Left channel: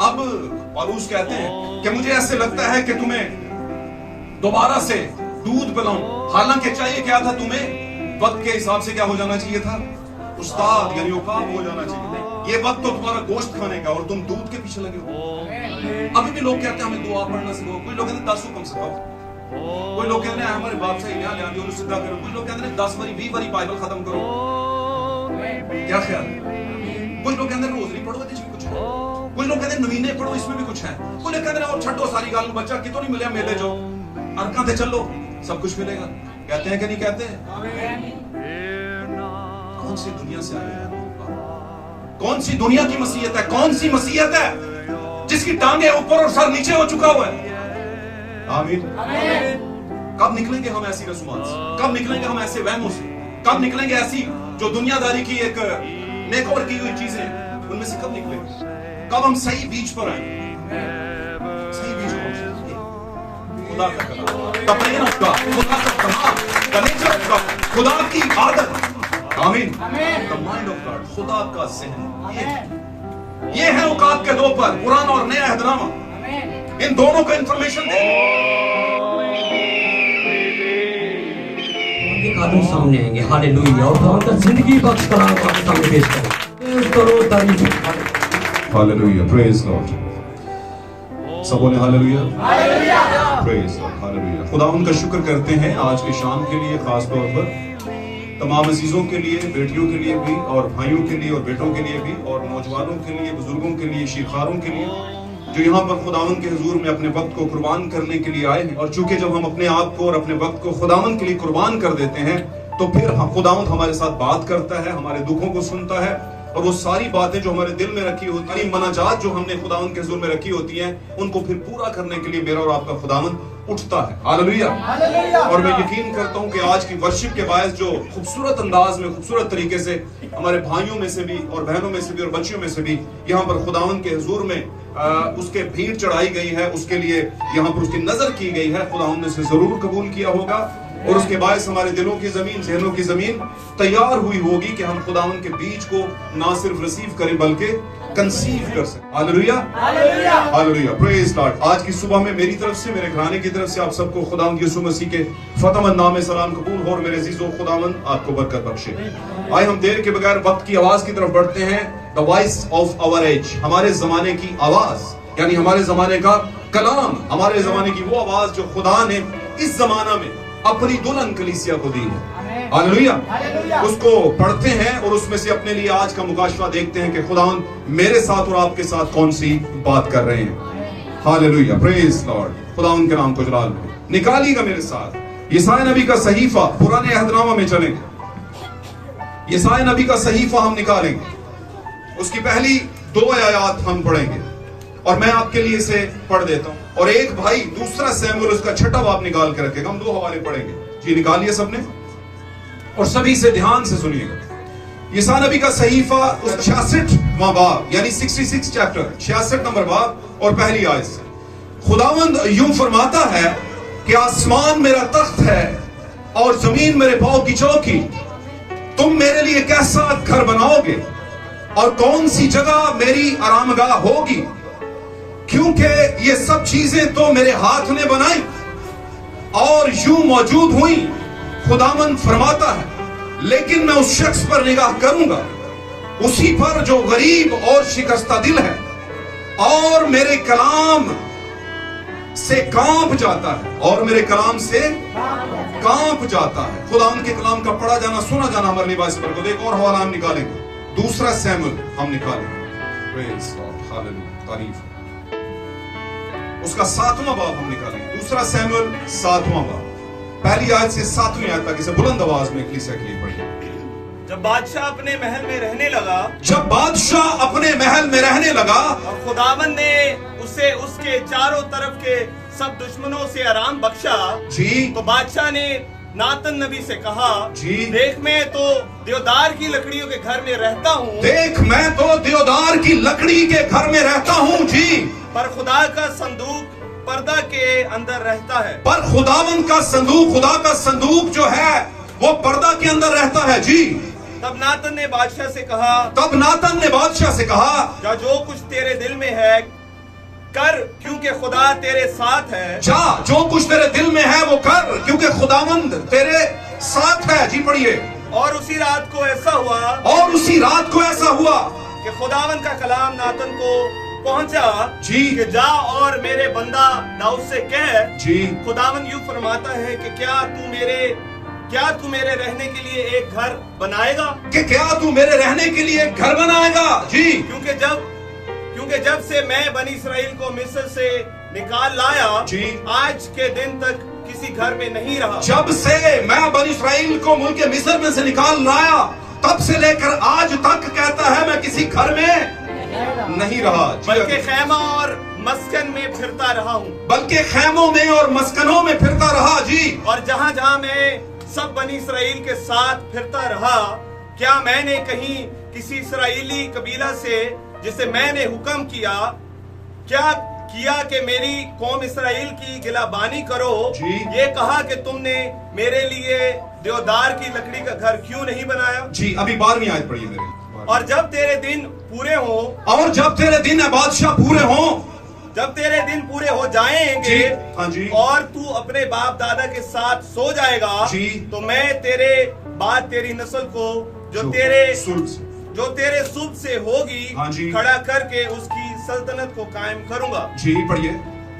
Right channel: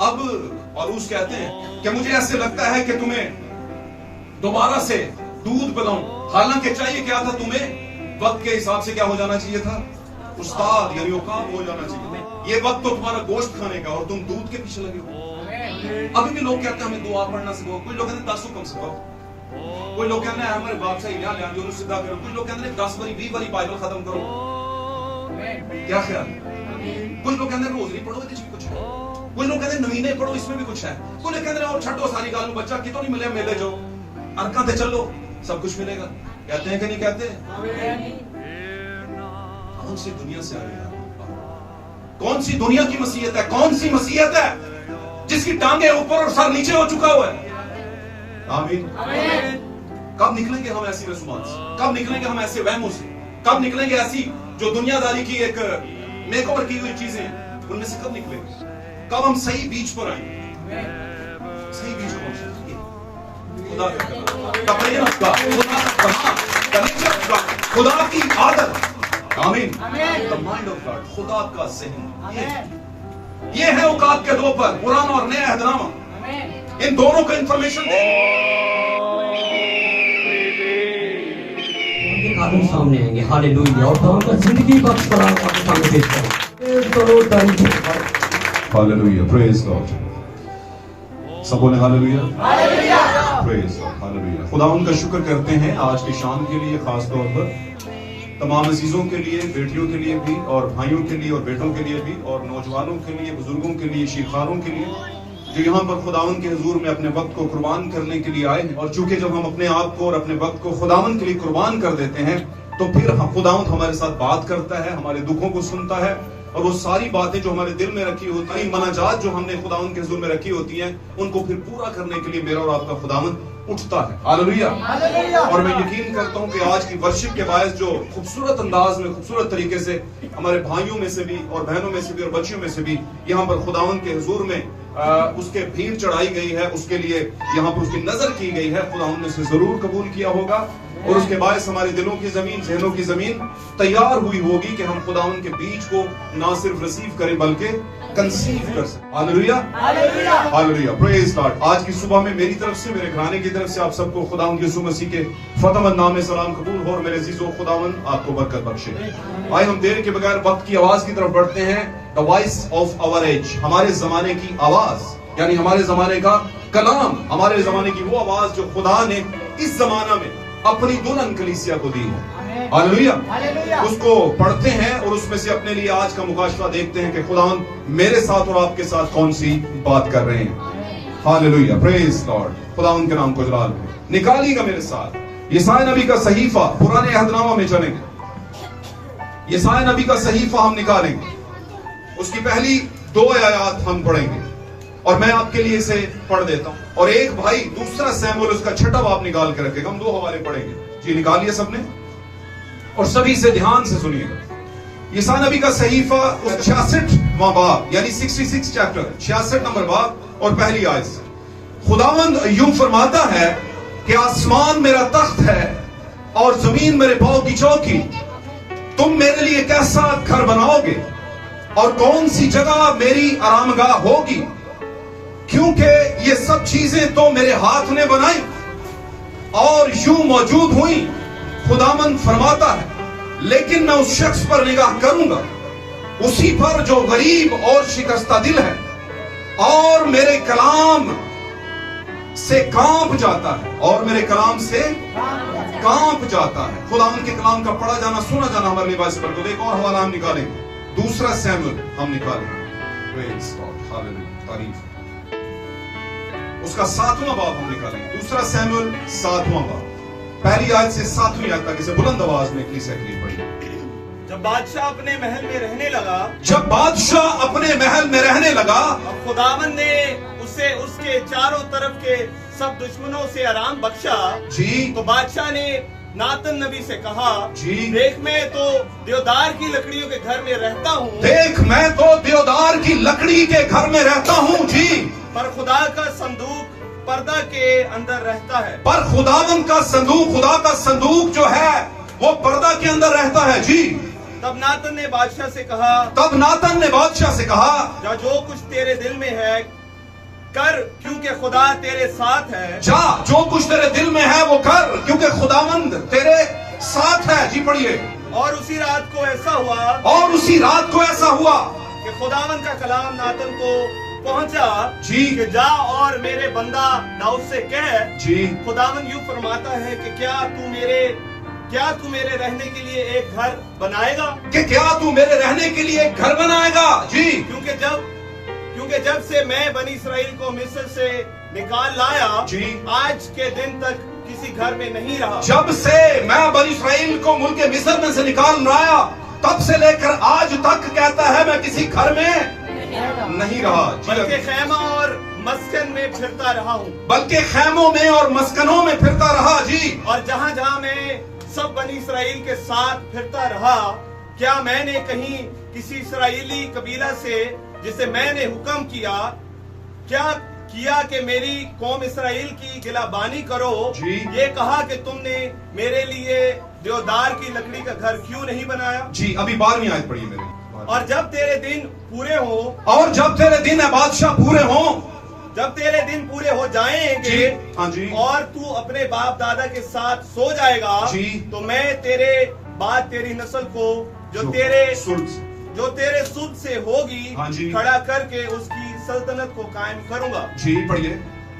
अब पौलुस कहते हैं कि मुझे ऐसे लगता है कि तुम्हें दोबारा से दूध पिलाऊं। हालांकि चाहिए क्या था, तुम्हें वक्त के हिसाब से क्या हो जाना चाहिए था, उस्ताद यानी औकात हो जाना चाहिए। ये वक्त तो तुम्हारा गोश्त खाने का और तुम दूध के पीछे लगे हो। अभी भी लोग कहते हैं हमें दुआ पढ़ना सिखाओ, कोई लोग कहते हैं 10 हुक्म सिखाओ, कोई लोग कहते हैं हमारे बाप से यहाँ ले सीधा करो, कुछ लोग कहते हैं 10 बारी 20 बारी बाइबल खत्म करो। क्या ख्याल? कुछ लोग कहते हैं रोजरी पढ़ो, इसमें कुछ है। कुछ लोग कहते हैं नवीने पढ़ो, इसमें भी कुछ है। कुछ लोग कहते हैं और छठो सारी गाल बच्चा कितो नहीं मिले मेले जो अरका थे चलो सब कुछ मिलेगा। कहते हैं कि नहीं कहते? कौन सी दुनिया से आए हैं? कौन सी दुनिया की मसीहत है? कौन सी मसीहत है जिसकी टांगे ऊपर और सर नीचे हो चुका हुआ है? आमीन। कब निकलेंगे हम ऐसी रसूमात से? कब निकलेंगे हम ऐसे वहमों से? कब निकलेंगे ऐसी जो दुनियादारी की एक मेकओवर की हुई चीजें, उनमें से कब निकलेंगे? कब हम सही बीच पर आए? सही बीच पर खुदा का खुदा की आदत, आमीन, द माइंड ऑफ गॉड, खुदा का ज़हन, ये है औकात के दो पर, पुराना और नया अहदनामा। इन दोनों को इंफॉर्मेशन सामने आएंगे, हालेलुया, और खुदा का जिंदगी बख्श खुदा आपके सामने पेश करें। Hallelujah, praise Lord. सब बोले हालेलुया, प्रेज लॉर्ड, हालेलुया। खुदा उनका शुक्र करते हैं आज की शाम के लिए, खास तौर पर तमाम अजीजों के लिए, बेटियों के लिए भी और भाइयों के लिए और बेटों के लिए भी, और नौजवानों के लिए, बुजुर्गों के लिए, शिरखारों के लिए, जो यहाँ पर खुदावन के हुजूर में अपने वक्त को कुर्बान करने के लिए आए हैं। और चूंकि जब हम अपने आप को और अपने वक्त को खुदावन के लिए कुर्बान कर देते हैं तो फिर खुदावन हमारे साथ बात करता है, हमारे दुखों को सुनता है, और वो सारी बातें जो हमारे दिल में रखी होती हैं, मनाजात जो हमने खुदावन के हुजूर में रखी होती हैं, उनको फिर पूरा करने के लिए मेरा और आपका खुदावन उठता है। हालेलुया। और मैं यकीन करता हूं कि आज की वर्शिप के बायस जो खूबसूरत अंदाज में, खूबसूरत तरीके से हमारे भाइयों में से भी और बहनों में से भी और बच्चियों में से भी यहाँ पर खुदावन के हुजूर में उसके भीड़ चढ़ाई गई है, उसके लिए यहाँ पर उसकी नजर की गई है, खुदावन ने उसे जरूर कबूल किया होगा। और उसके बायस हमारे दिलों की जमीन, जहनों की जमीन तैयार हुई होगी कि हम खुदावन के बीच को ना सिर्फ रिसीव करें बल्कि कंसीव कर सकें। Hallelujah, hallelujah, praise God. आज की सुबह में मेरी तरफ से, मेरे घराने की तरफ से आप सबको खुदावन यीशु मसीह के फतेहमंद नाम में सलाम कबूल हो। और मेरे अजीजों, खुदावन आपको बरकत बख्शे। आइए हम देर के बगैर वक्त की आवाज की तरफ बढ़ते हैं। The voice of our age, हमारे जमाने की आवाज, यानी हमारे जमाने का कलाम, हमारे जमाने की वो आवाज जो खुदा ने इस जमाना में अपनी दुल्हन कलीसिया को दी है। हालेलुया। उसको पढ़ते हैं और उसमें से अपने लिए आज का मुकाशफा देखते हैं कि खुदावन मेरे साथ और आपके साथ कौन सी बात कर रहे हैं। Hallelujah, praise Lord. खुदावन के नाम को जलाल हो। निकालिएगा मेरे साथ यशायाह नबी का सहीफा, पुराने अहदनामा में चलेंगे। यशायाह नबी का सहीफा हम निकालेंगे, उसकी पहली 2 आयत हम पढ़ेंगे और मैं आपके लिए इसे पढ़ देता हूं। और एक भाई दूसरा सैमुएल उसका 6वां बाब निकाल के रखेगा। हम 2 हवाले पढ़ेंगे। जी निकालिए सबने और सभी से ध्यान से सुनिएगा। यशायाह नबी का सहीफा उस 66वां बाब यानी 66 चैप्टर, 66 नंबर बाब और पहली आयत से खुदावंद यूं फरमाता है कि आसमान मेरा तख्त है और जमीन मेरे पांव की चौकी। तुम मेरे लिए कैसा घर बनाओगे और कौन सी जगह मेरी आरामगाह होगी, क्योंकि ये सब चीजें तो मेरे हाथ ने बनाई और यूं मौजूद हुई। खुदावंद फरमाता है, लेकिन मैं उस शख्स पर निगाह करूंगा, उसी पर जो गरीब और शिकस्ता दिल है और मेरे कलाम से कांप जाता है, और मेरे कलाम से कांप जाता है। खुदावंद के कलाम का पढ़ा जाना, सुना जाना हमारे लिए बाइस पर। एक और हवाला हम निकालेंगे, दूसरा सैमुएल हम निकालेंगे। तारीफ, उसका 7वां बाब हम निकालेंगे। दूसरा सैमुएल 7वां बाब, पहली आयत से 7वीं आयत तक इसे बुलंद आवाज में कलीसिया के लिए पढ़िए। जब बादशाह अपने महल में रहने लगा, जब बादशाह अपने महल में रहने लगा, और खुदावंद ने उसे उसके चारों तरफ के सब दुश्मनों से आराम बख्शा जी, तो बादशाह ने नातन नबी से कहा, जी, देख मैं तो देवदार की लकड़ियों के घर में रहता हूँ। देख मैं तो देवदार की लकड़ी के घर में रहता हूँ जी, पर खुदा का संदूक पर्दा के अंदर रहता है। पर खुदावंद का संदूक, खुदा का संदूक जो है वो पर्दा के अंदर रहता है जी। तब नातन ने बादशाह से कहा, तब नातन ने बादशाह से कहा, जो कुछ तेरे दिल में है कर क्योंकि खुदा तेरे साथ है। जा, जो कुछ तेरे दिल में है वो कर क्योंकि खुदावंद तेरे साथ है। जी पढ़िए। और उसी रात को ऐसा हुआ, और उसी रात को ऐसा हुआ कि खुदावंद का कलाम नातन को पहुंचा जी कि जा और मेरे बंदा दाऊद से कह, जी खुदावंद यूं फरमाता है कि क्या तू मेरे रहने के लिए एक घर बनाएगा? कि क्या तू मेरे रहने के लिए एक घर बनाएगा? जी, क्योंकि जब से मैं बनी इस्राएल को मिस्र से निकाल लाया जी, आज के दिन तक किसी घर में नहीं रहा। जब से मैं बनी इस्राएल को मुल्क मिस्र में से निकाल लाया तब से लेकर आज तक कहता है मैं किसी घर में नहीं रहा, बल्कि खैमा और मस्कन में फिरता रहा हूँ। बल्कि खैमों में और मस्कनों में फिरता रहा। जी, और जहाँ जहाँ मैं सब बनी इस्राएल के साथ फिरता रहा, क्या मैंने कहीं किसी इस्राएली कबीला से जिसे मैंने हुक्म किया कि मेरी कौम इस्राएल की गिलाबानी करो, ये कहा कि तुमने मेरे लिए देवदार की लकड़ी का घर क्यों नहीं बनाया? जी, अभी 12वीं आयत पढ़िए मेरे। और जब तेरे दिन पूरे हों, और जब तेरे दिन है बादशाह पूरे हों, जब तेरे दिन पूरे हो जाएंगे, हाँ जी, और तू अपने बाप दादा के साथ सो जाएगा, जी, तो मैं तेरे बाद तेरी नस्ल को जो तेरे सुध से होगी, हाँ जी, खड़ा करके उसकी सल्तनत को कायम करूंगा। जी पढ़िए।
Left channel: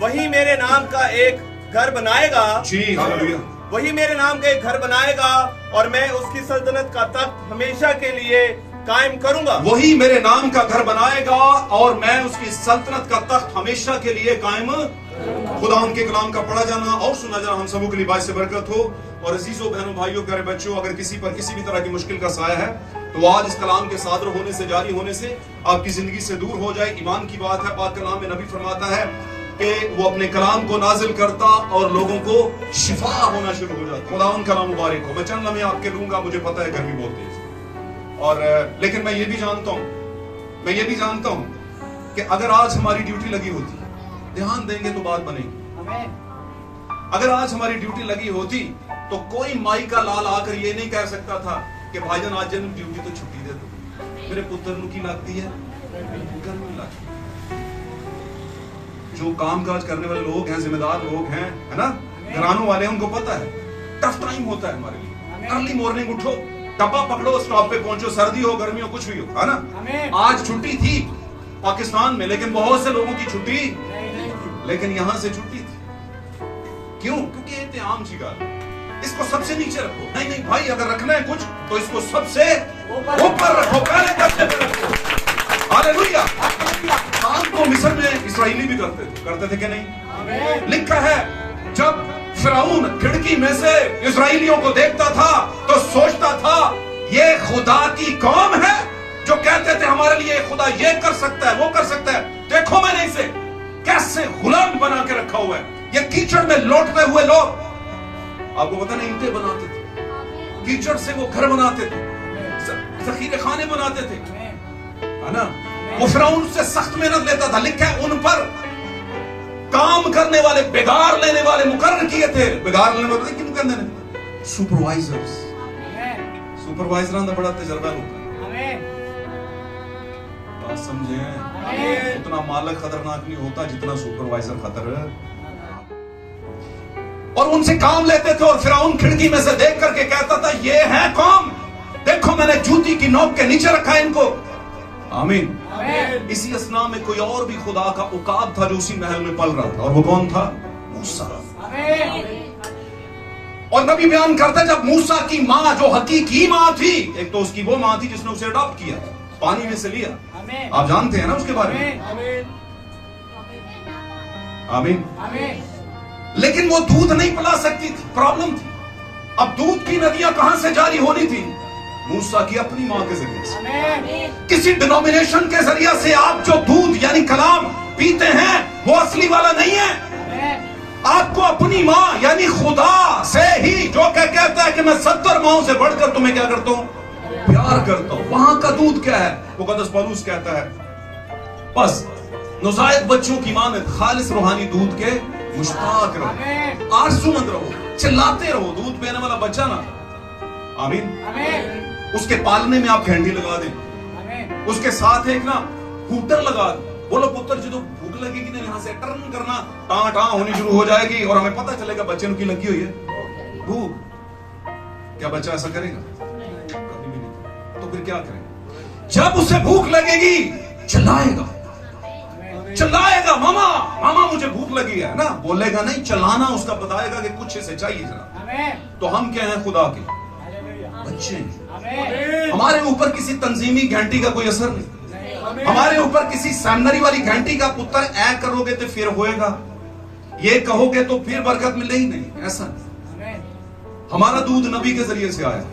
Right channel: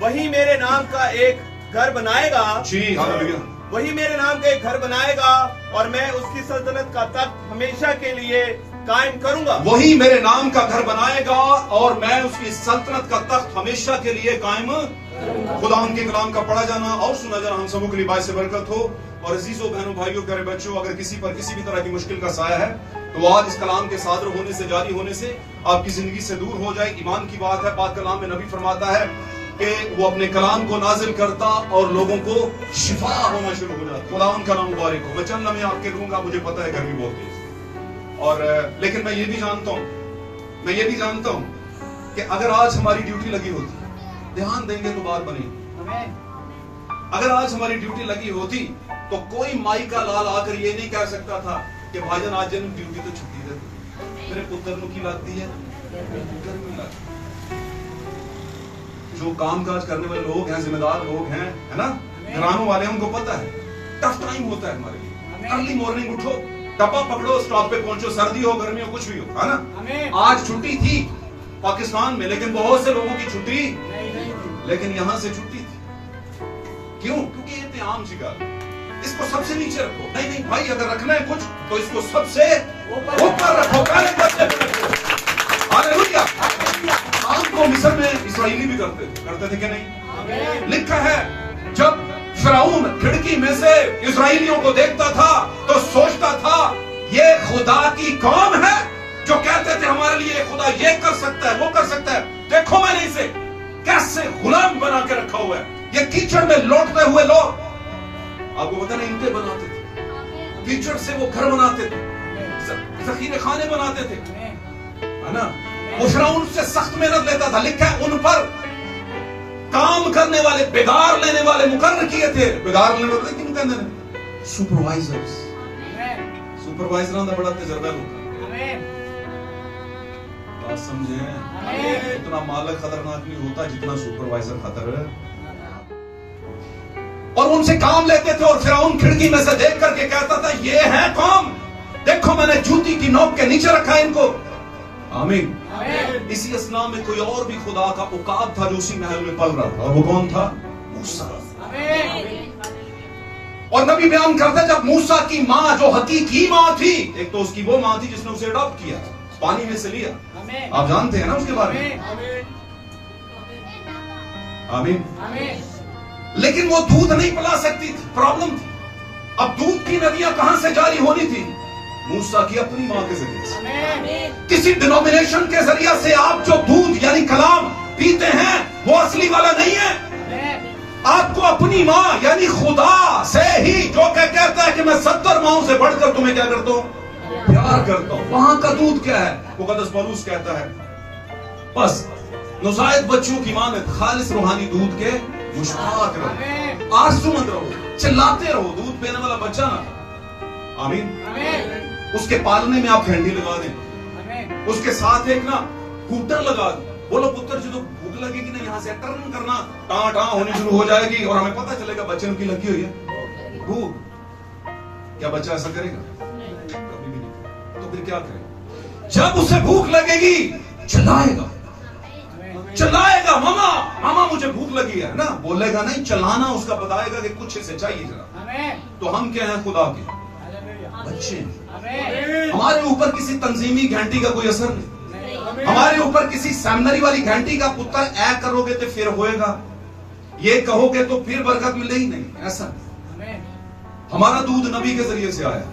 वही मेरे नाम का एक घर बनाएगा। जी, हालेलुया। वही मेरे नाम का एक घर बनाएगा और मैं उसकी सल्तनत का तख्त हमेशा के लिए कायम करूंगा। वही मेरे नाम का घर बनाएगा और मैं उसकी सल्तनत का तख्त हमेशा के लिए कायम। खुदा उनके कलाम का पढ़ा जाना और सुना जाना हम सबों के लिए बाइस से बरकत हो। और अजीजों, बहनों, भाइयों, प्यारे बच्चों, अगर किसी पर किसी भी तरह की मुश्किल का साया है तो आज इस कलाम के सादर होने से, जारी होने से आपकी जिंदगी से दूर हो जाए। ईमान की बात है। पाक कलाम में नबी फरमाता है कि वो अपने कलाम को नाजिल करता और लोगों को शिफा होना शुरू हो जाता। खुदा उनका नाम मुबारक हो। मैं चंद लम्हे आपके लूंगा, मुझे पता है गर्मी बहुत तेज और लेकिन मैं ये भी जानता हूं कि अगर आज हमारी ड्यूटी लगी होती, ध्यान देंगे तो बात बनेगी। अगर आज हमारी ड्यूटी लगी होती तो कोई माई का लाल आकर ये नहीं कह सकता था कि भाईजान आज जन्म ड्यूटी तो छुट्टी दे दो, मेरे पुत्र की लगती है गर्मी लगती है। जो काम काज करने वाले लोग हैं, जिम्मेदार लोग हैं, है ना, घरानों वाले, उनको पता है टफ टाइम होता है हमारे लिए। अर्ली मॉर्निंग उठो, डब्बा पकड़ो, स्टॉप पे पहुंचो, सर्दी हो गर्मी हो कुछ भी हो, है ना। आज छुट्टी थी पाकिस्तान में, लेकिन बहुत से लोगों की छुट्टी, लेकिन यहां से छुट्टी थी। क्यों? क्योंकि इंतजाम शिकार, इसको सबसे नीचे रखो। नहीं भाई, अगर रखना है कुछ तो इसको सबसे ऊपर रखो। हालेलुया। काम को मिस्र में इस्राएली भी करते थे कि नहीं? लिखा है जब फिरौन खिड़की में से इस्राएलियों को देखता था तो सोचता था ये खुदा की कौम है जो कहते थे हमारे लिए खुदा ये कर सकता है, वो कर सकता है। देखो मैंने इसे कैसे गुलाम बना के रखा हुआ है। ये कीचड़ में लौटते हुए लोग, आपको पता नहीं, ईंटें बनाते थे, कीचड़ से वो घर बनाते थे, जखीरे खाने बनाते थे, है ना। वो फिरौन से सख्त मेहनत लेता था। लिखा है उन पर काम करने वाले, बेगार लेने वाले मुकर्रर किए थे। बेगार लेने वाले किन कहते हैं? सुपरवाइजर्स। सुपरवाइजर का बड़ा तजर्बा होता है। बात समझे? उतना मालिक खतरनाक नहीं होता जितना सुपरवाइजर खतर है। और उनसे काम लेते थे और फिरौन खिड़की में से देख करके कहता था ये है कौम, देखो मैंने जूती की नोक के नीचे रखा है इनको। आमीन। इसी असना में कोई और भी खुदा का औकात था जो उसी महल में पल रहा था, और वो कौन था? मूसा। और नबी बयान करता जब मूसा की माँ जो हकीकी माँ थी, एक तो उसकी वो माँ थी जिसने उसे अडॉप्ट किया, पानी में से लिया, आप जानते हैं ना उसके बारे में। आमीन। लेकिन वो दूध नहीं पिला सकती थी, प्रॉब्लम थी। अब दूध की नदियां कहां से जारी होनी थी? मूसा की अपनी मां के जरिए से। किसी डिनोमिनेशन के जरिए से आप जो दूध यानी कलाम पीते हैं वो असली वाला नहीं है। आपको अपनी मां यानी खुदा से ही, जो कहता है कि मैं 70 माओं से बढ़कर तुम्हें क्या करता हूं? प्यार करता हूं। वहां का दूध क्या है? वो मुकद्दस पौलुस कहता है बस नौज़ायद बच्चों की मां में खालिस रूहानी दूध के मुश्ताक रहो, आरज़ूमंद रहो, चिल्लाते रहो। दूध पीने वाला बच्चा ना, आमीन, उसके पालने में आप हैंडी लगा दें, उसके साथ एक ना कूटर लगा दें, बोलो पुत्र जो भूख लगेगी ना यहाँ से टर्न करना टाँ टाँ होनी शुरू हो जाएगी और हमें पता चलेगा बच्चे की लगी हुई है भूख। क्या बच्चा ऐसा करेगा? कभी भी नहीं। तो फिर क्या करेगा? जब उसे भूख लगेगी चिल्लाएगा, चिल्लाएगा मामा मामा मुझे भूख लगी है ना, बोलेगा नहीं, चलाना उसका बताएगा कि कुछ इसे चाहिए जरा। तो हम क्या हैं? खुदा के बच्चे। हमारे ऊपर किसी तंजीमी घंटी का कोई असर नहीं, हमारे ऊपर किसी सेमिनरी वाली घंटी का पुत्र ऐ करोगे तो फिर होएगा, ये कहोगे तो फिर बरकत मिलेगी नहीं, ऐसा। हमारा दूध नबी के जरिए से आया,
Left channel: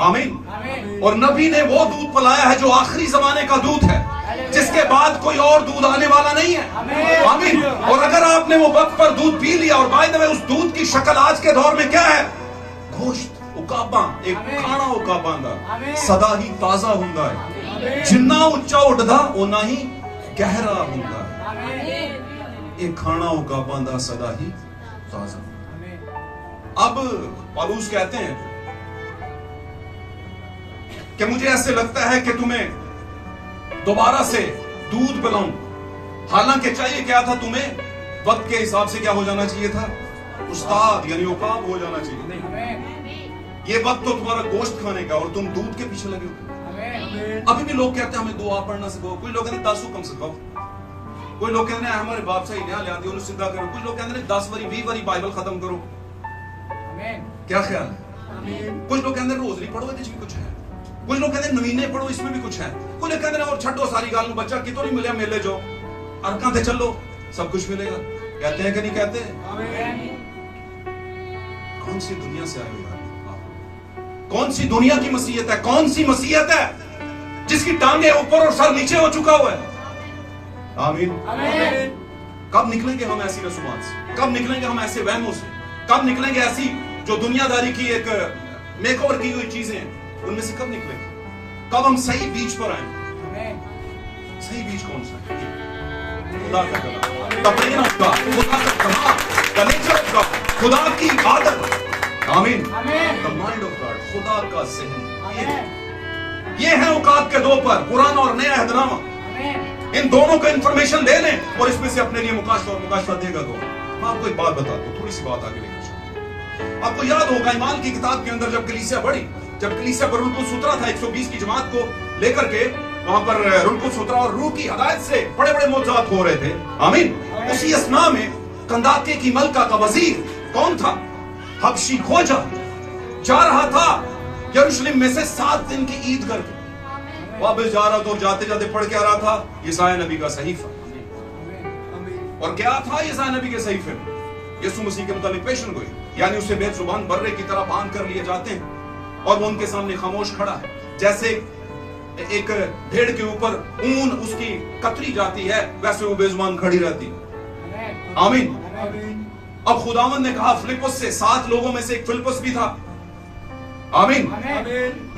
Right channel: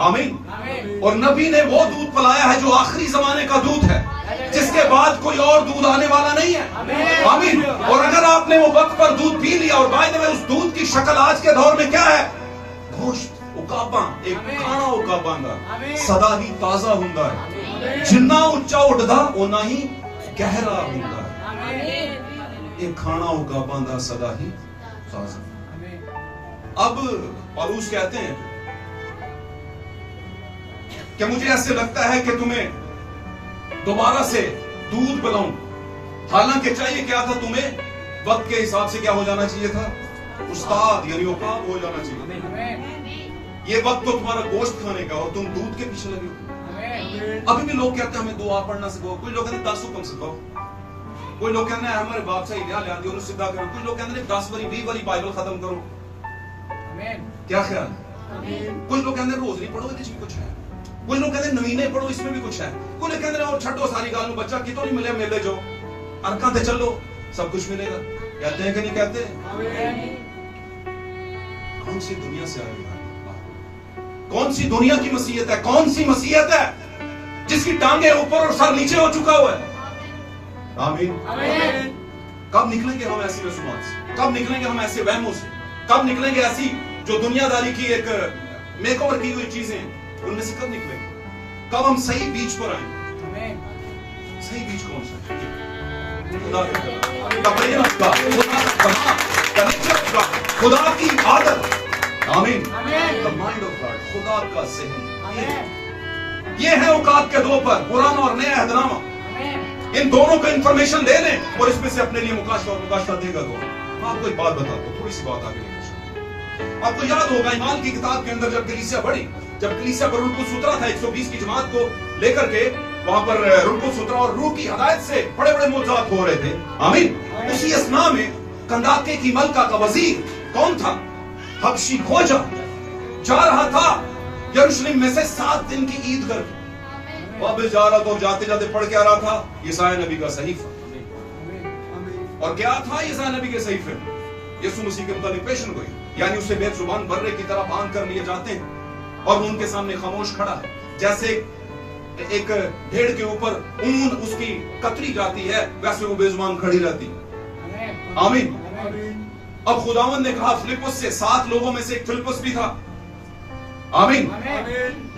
आमीन। और नबी ने वो दूध पिलाया है जो आखिरी जमाने का दूध है, जिसके बाद कोई और दूध आने वाला नहीं है, आमीन। और अगर आपने वो वक्त पर दूध पी लिया, और बाय द वे उस दूध की शक्ल आज के दौर में क्या है? गोश्त उकाबा, एक खाना उकाबा सदा ही ताजा हुंदा है, जिन्ना उच्चा उठदा ओना ही गहरा हुंदा है, एक खाना उकाबा सदा ही ताजा। अब पौलुस कहते हैं कि मुझे ऐसे लगता है कि तुम्हें दोबारा से दूध पिलाऊं, हालांकि चाहिए क्या था तुम्हें? वक्त के हिसाब से क्या हो जाना चाहिए था? उस्ताद यानी उकाब हो जाना चाहिए। ये वक्त तो तुम्हारा गोश्त खाने का और तुम दूध के पीछे लगे हो। अभी भी लोग कहते हैं हमें दुआ पढ़ना सिखाओ, कोई लोग कहते हैं 10 हुक्म सिखाओ, कोई लोग कहते हैं हमारे बाप से इडिया लिया दी सीधा करो, कुछ लोग कहते हैं 10 बारी 20 बारी बाइबल खत्म करो। क्या ख्याल? कुछ लोग कहते हैं रोजरी पढ़ो, इसमें कुछ है, कुछ लोग कहते हैं नवीने पढ़ो, इसमें भी कुछ है, कुछ लोग कहते हैं और छठो सारी गाल बच्चा कितो नहीं मिले मेले जो अरका थे चलो सब कुछ मिलेगा। कहते हैं कि नहीं कहते? कौन सी दुनिया से आए? कौन सी दुनिया की मसीहत है? कौन सी मसीहत है जिसकी टांगे ऊपर और सर नीचे हो चुका हुआ है? आमीन। कब निकलेंगे हम ऐसी रसूमात से? कब निकलेंगे हम ऐसे वहमों से? कब निकलेंगे ऐसी जो दुनियादारी की एक मेकओवर की हुई चीजें, उनमें से कब निकलेंगे? कब हम सही बीच पर आए? सही बीच कौन सा है? खुदा का खुदा की आदत, आमीन, द माइंड ऑफ गॉड, खुदा का ज़हन। ये है औकात के दो पर, पुराना और नया अहदनामा। इन दोनों को इंफॉर्मेशन ले लें और इसमें से अपने लिए मुकाशफा देगा। तो आपको एक बात बता दो, थोड़ी सी बात आगे लेकर चलते। आपको याद होगा ईमान की किताब के अंदर जब कलीसिया बढ़ी, जब कलीसिया पर रुलकुस उतरा था 120 की जमात को लेकर के, वहां पर रुलकुस उतरा और रूह की हदायत से बड़े बड़े मौजूद हो रहे थे, आमीन। उसी असना में कंदाके की मलका का वजीर कौन था? हबशी खोजा जा रहा था यरूशलेम में से 7 दिन की ईद करके, वापस जा रहा था और जाते जाते पढ़ के आ रहा था यशायाह नबी का सहीफा। और क्या था यशायाह नबी के सहीफे में? यीशु मसीह के मुताबिक पेशन गोई, यानी उसे बेजुबान बर्रे की तरह बांध कर लिए जाते हैं और वो उनके सामने खामोश खड़ा है, जैसे एक भेड़ के ऊपर ऊन उसकी कतरी जाती है, वैसे वो बेजुबान खड़ी रहती है, आमीन। अब खुदावंद ने कहा फिलिप्पस से, 7 लोगों में से एक फिलिप्पस भी था, आमीन,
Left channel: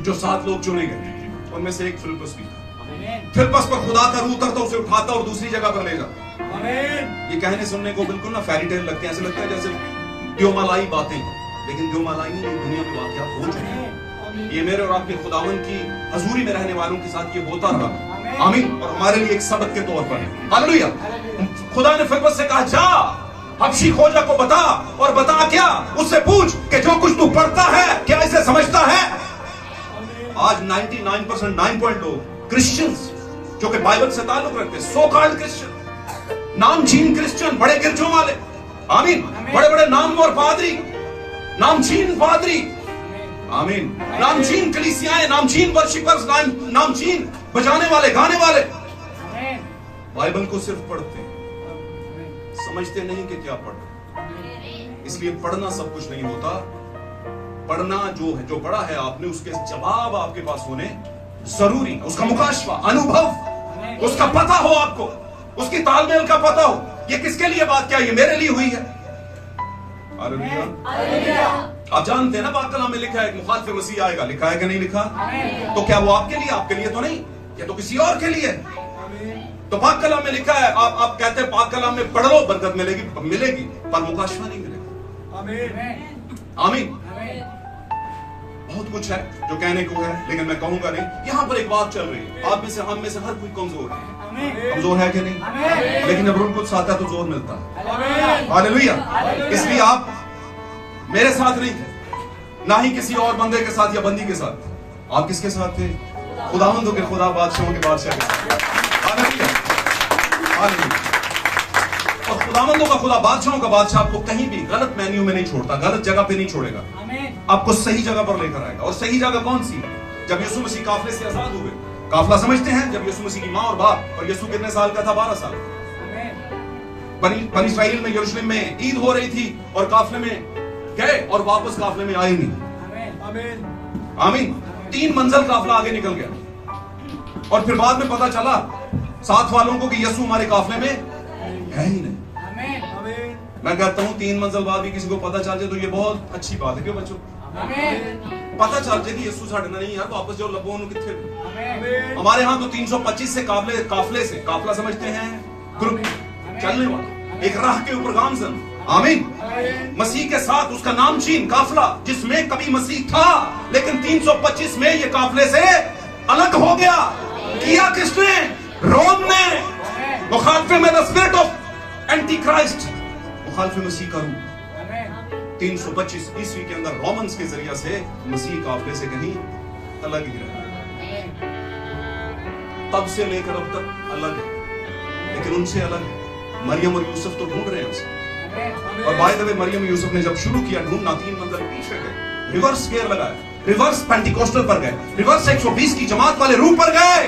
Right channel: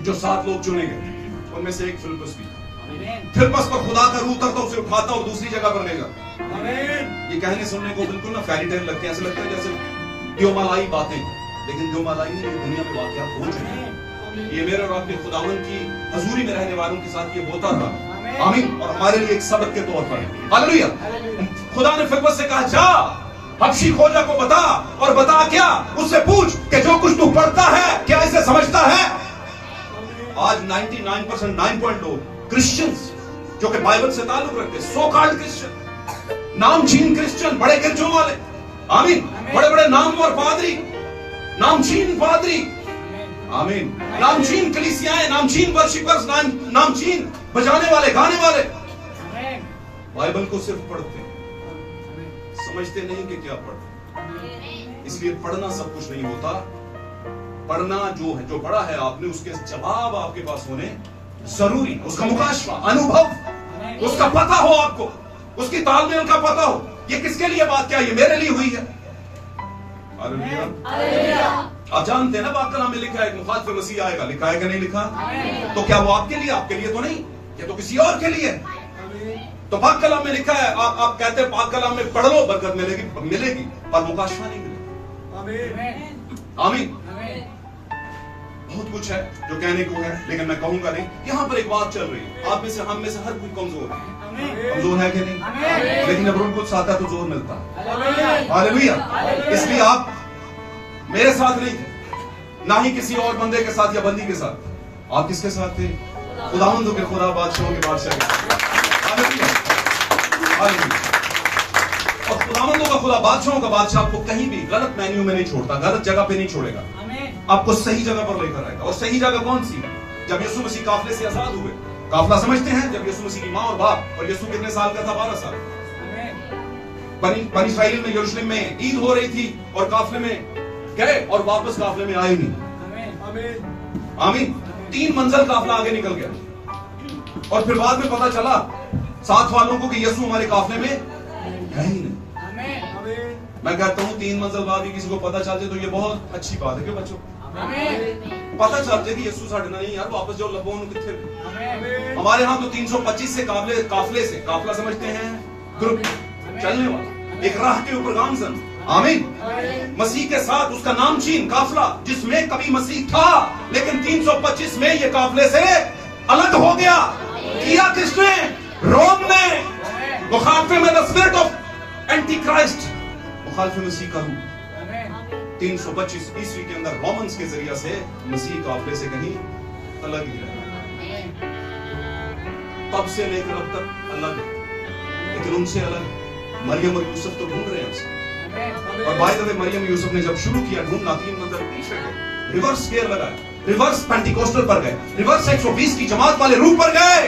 जो 7 लोग चुने गए उनमें से एक फिलिप्पस भी था। फिलिप्पस पर खुदा का रूह उतरता, उसे उठाता और दूसरी जगह पर ले जाता। ये कहने सुनने को बिल्कुल ना फेरी टेल लगते हैं, ऐसे लगता है जैसे द्योमालाई बातें, लेकिन द्योमालाई नहीं, ये दुनिया में वाकया हो चुकी है। ये मेरे और आपके खुदावंद की हजूरी में रहने वालों के साथ ये होता था, आमीन, और हमारे लिए एक सबक के तौर पर। हालेलुया। खुदा ने फिलिप्पस से कहा जा हबशी खोजा को बता, और बता क्या? उससे पूछ कि जो कुछ तू पढ़ता है क्या इसे समझता है? आज 99% 9.2 क्रिश्चियंस जो कि बाइबल से ताल्लुक रखते, सो कॉल्ड क्रिश्चियन, नामचीन क्रिश्चियन, बड़े गिरजों वाले, आमीन, बड़े बड़े नामवर पादरी, नामचीन पादरी, आमीन, नामचीन कलीसियाएं, नामचीन वर्शिपर्स, नामचीन बजाने वाले, गाने वाले, बाइबल को सिर्फ पढ़ते हैं, समझते नहीं कि क्या पढ़। इसलिए पढ़ना सब कुछ नहीं होता, पढ़ना जो पढ़ा है आपने उसके जवाब आपके पास होने जरूरी, उसका मुकाशफा, अनुभव, उसका पता हो आपको, उसकी तालमेल का पता हो, ये किसके लिए बात क्या, ये मेरे लिए हुई है। आप जानते हैं ना बात कलाम में लिखा है मुखालिफ मसीह आएगा, लिखा है कि नहीं लिखा? तो क्या वो आपके लिए? आपके लिए तो नहीं, ये तो किसी और के लिए। तो पाक कलाम में लिखा है, आप कहते हैं पाक कलाम में पढ़ लो बरकत मिलेगी, पर मुकाशफा नहीं मिलेगा, आमीन। बहुत कुछ है जो कहने को है, लेकिन मैं कहूंगा नहीं। यहां पर एक बात चल रही है, आप में से हम में से हर कोई कमजोर है, कमजोर है कि नहीं? लेकिन जब रूह कुछ आता है तो जोर मिलता है। हालेलुया। इसलिए आप मेरे साथ नहीं थे, ना ही किसी और बंदे के साथ या बंदी के साथ। आप किसके साथ थे? खुदावंदों के खुदा, बादशाहों के बादशाह के साथ। Hallelujah, hallelujah. और खुदावंदों का खुदा, बादशाहों का बादशाह आपको कहीं भी गलत मेन्यू में नहीं छोड़ता, गलत जगह पे नहीं छोड़ेगा, आपको सही जगह पर लेकर आएगा। और सही जगह कौन सी? जब यीशु मसीह काफले से आजाद हुए। काफला समझते हैं? जब यीशु मसीह की माँ और बाप, और यीशु कितने साल का था? 12 साल। बनी इस्राएल में, यरूशलेम में ईद हो रही थी और काफले में गए और वापस काफले में आए नहीं। आमीन। 3 मंजिल काफला आगे निकल गया और फिर बाद में पता चला साथ वालों को कि यीशु हमारे काफले में है ही नहीं। मैं कहता हूं 3 मंजिल बाद भी किसी को पता चल जाए तो ये बहुत अच्छी बात है। क्यों बच्चों? पता चल जाए कि यीशु साढ़े नहीं यार, वापस जो लबो कितने। हमारे यहाँ तो 325 से काफले से, काफला समझते हैं ग्रुप, चलने वाला, एक राह के ऊपर गामजन। आमीन। मसीह के साथ उसका नाम चीन, काफला, जिसमें कभी मसीह था, लेकिन 325 में ये काफले से अलग हो गया। किया किसने? रोम ने। मुखालफे में the spirit of anti Christ, मुखालफे मसीह का रूप। 325 ईस्वी के अंदर रोमन्स के जरिए से मसीह काफले से कहीं अलग ही रहा। तब से लेकर अब तक अलग है, लेकिन उनसे अलग मरियम और यूसुफ तो ढूंढ रहे हैं उसे। और by the way Maryam Yusuf ने जब शुरू किया ढूंढना, 3 मंजिल पीछे गए, रिवर्स गेयर लगाया, रिवर्स पेंटिकोस्टल पर गए, रिवर्स 120 की जमात वाले रूप पर गए।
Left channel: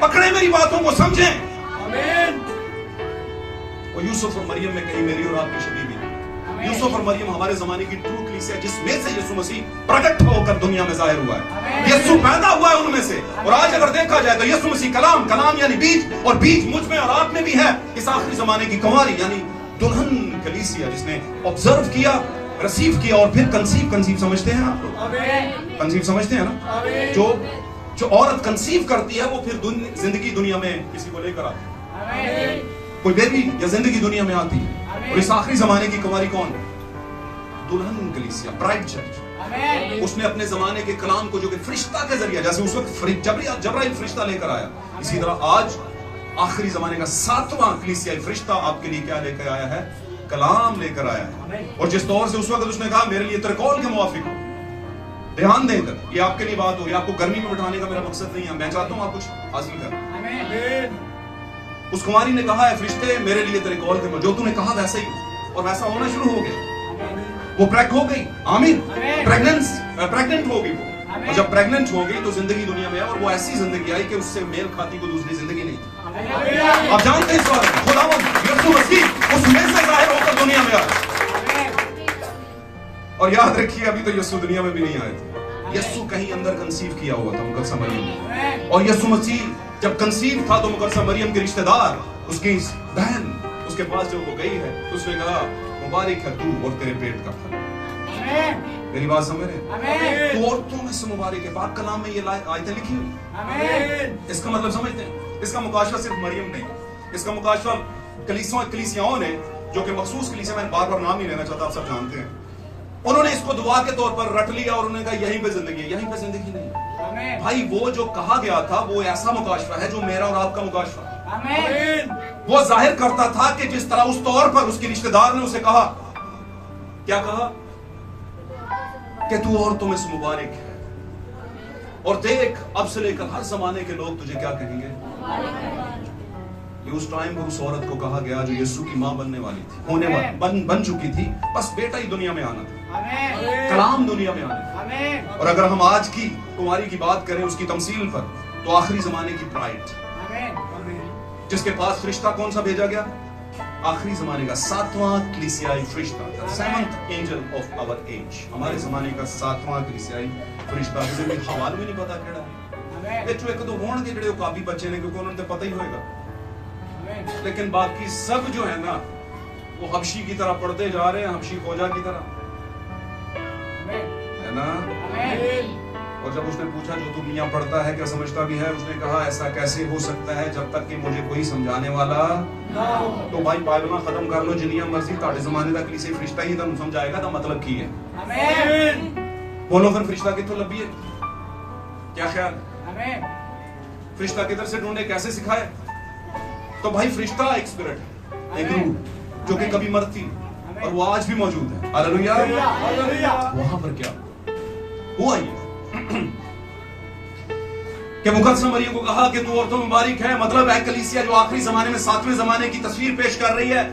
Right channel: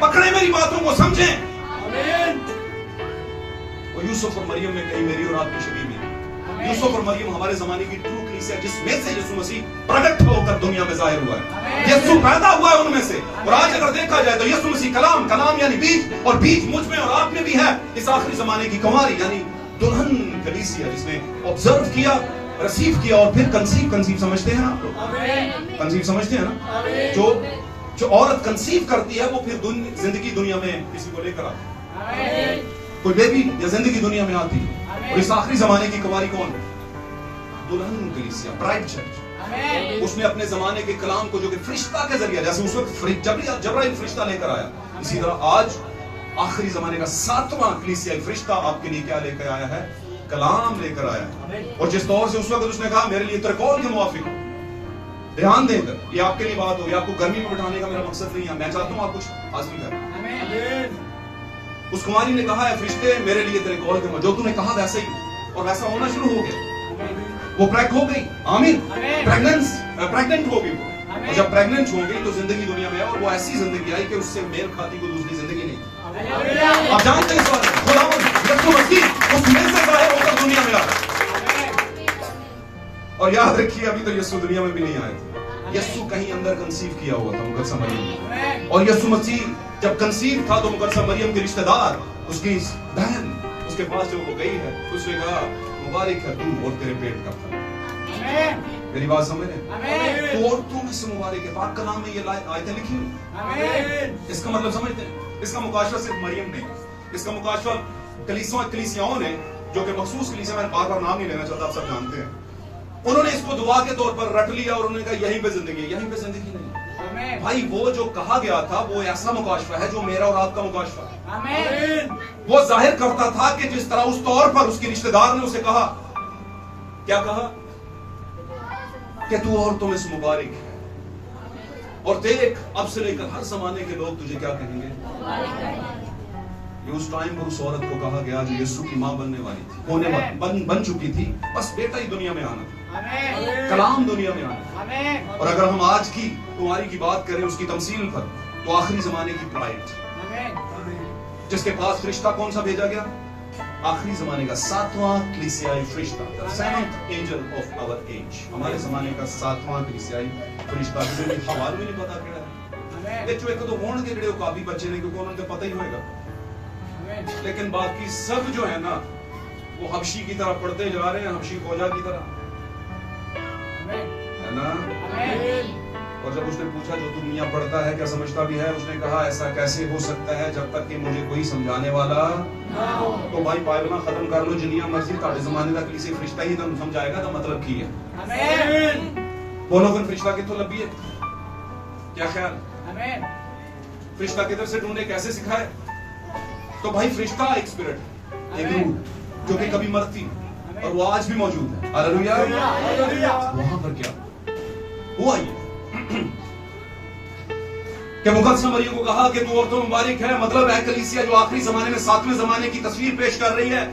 पकड़े मेरी बातों को, समझें। और यूसुफ और मरियम में कहीं मेरी और आपकी शबीह भी। यूसुफ और मरियम हमारे जमाने की ट्रू कलीसिया, जिसमें से यीशु मसीह प्रकट होकर दुनिया में जाहिर हुआ है। यीशु पैदा हुआ है उनमें से। और आज अगर देखा जाए तो यीशु मसीह कलाम, कलाम यानी बीज, और बीज मुझ में और आप में भी है। इस आखिरी जमाने की कुंवारी यानी दुल्हन कलीसिया, जिसने ऑब्जर्व किया, रिसीव किया और फिर कंसीव समझते हैं आप लोग? कंसीव समझते हैं ना? जो औरत कंसीव करती है वो फिर जिंदगी दुनिया में किसी को लेकर आती है, कोई बेबी या जिंदगी दुनिया में आती है। और इस आखिरी जमाने की कुंवारी कौन? दुल्हन कलीसिया, ब्राइड चर्च। उसने अपने जमाने के कलाम को, जो कि फरिश्ता के जरिए, जैसे उस वक्त जबराइल फरिश्ता लेकर आया, इसी तरह आज आखिरी जमाने का 7वां कलीसियाई फरिश्ता आपके लिए क्या लेकर आया है? कलाम लेकर आया। और जिस तौर से उस वक्त उसने कहा मेरे लिए तेरे कौल के मुआफिक, ध्यान देकर, ये आपके लिए बात हो, ये आपको गर्मी में बिठाने का मेरा मकसद नहीं है, मैं चाहता हूं आप कुछ हासिल करें। उस कुमारी ने कहा है, फरिश्ते मेरे लिए तेरे कॉल के, जो तूने कहा वैसे ही, और वैसा होना शुरू हो गया। वो प्रेग्नेंट हो गई। आमीन। प्रेग्नेंट हो गई वो। और जब प्रेग्नेंट हो गई तो जिंदगी दुनिया में, और वो ऐसी जिंदगी आई कि उससे मेल खाती को दूसरी जिंदगी नहीं। आप जानते हैं इस बात को, खुदावंद यीशु मसीह उसमें से जाहिर होकर दुनिया में आया। और याद रखिए, अभी तो यीशु दुनिया में भी नहीं आए थे। यीशु कहीं अंदर कंसीव किया हुआ था मुकद्दस मरियम। और यीशु मसीह जब कंसीव था तो मुकद्दस मरियम के रिश्तेदार, उसकी बहन, उसके पास जो वो गई है, उसने कहा मुबारक है तू और तेरे पेट का फल। मेरी बात समझ रहे? तू और तू में से मुबारक है। पाक कलाम में ये आयतें लिखी हुई। इसका मतलब समझते हैं? इसका मुकाशवा सिर्फ मरियम ने, इसका मुकाशवा कलीसियाओं ने, जो कि मखसूस कलीसिया, मैं बार बार नाम नहीं लेना चाहता, आप सब जानते हैं, उन्होंने इसको दुआ के तौर पर रट लिया और उन्होंने कहा यहीं पे जिंदगी है। यहीं पे जिंदगी नहीं भाई, वो जो कहा गया था वो ऐसा मुकाशवा है जो मेरा और आपका मुकाशवा है। वो जाहिर करता था कि जिस तरह उस तौर पर उसके रिश्तेदार ने उसे कहा, क्या कहा? कि तू औरतों में से मुबारक है, और देख अब से लेकर हर जमाने के लोग तुझे क्या कहेंगे? ये उस टाइम पर उस औरत को कहा गया जो यीशु की मां बनने वाली थी, होने वाली, बन चुकी थी, बस बेटा ही दुनिया में आना था, कलाम दुनिया में आना था। और अगर हम आज की कुंवारी की बात करें, उसकी तमसील पर, तो आखिरी जमाने की ब्राइड, जिसके पास फरिश्ता कौन सा भेजा गया? आखिरी जमाने का 7वां कलीसियाई फरिश्ता, seventh angel of our age, हमारे जमाने का 7वां कलीसियाई फरिश्ता, जिसे भी हवाल में नहीं पता केड़ा ये जो एक तो होण के जेड़े काफी बच्चे ने, क्योंकि उन्हें तो पता ही होगा, लेकिन बाकी सब जो है ना वो हबशी की तरह पढ़ते जा रहे हैं, हबशी फौजा की तरह, है ना? और जब उसने पूछा जो तू मियां पढ़ता है क्या समझता भी है, उसने कहा ऐसा कैसे हो सकता है जब तक कि मुझे कोई समझाने वाला तो भाई बाइबल खत्म कर लो, जिन्नियां मर्जी ਤੁਹਾਡੇ ਜ਼ਮਾਨੇ ਦਾ ਕਿਸੇ ਫਰਿਸ਼ਤਾ ਹੀ ਤੁਹਾਨੂੰ ਸਮਝਾਏਗਾ ਤਾਂ मतलब ਕੀ है? आमीन। बोलो फिर फरिश्ता कितों लभी है? क्या ख्याल? आमीन। फरिश्ता किधर से ढूंढे, कैसे सिखाए? तो भाई फरिश्ता एक स्पिरिट है, एक रूह जो कि कभी मरती नहीं और वो आज भी मौजूद है। हालेलुया। वहां पर क्या हुआ ये कि मुकद्दस मरियम को कहा कि तू औरतों में मुबारक है, मतलब है कलीसिया जो आखिरी जमाने में 7वें जमाने की तस्वीर पेश कर रही है,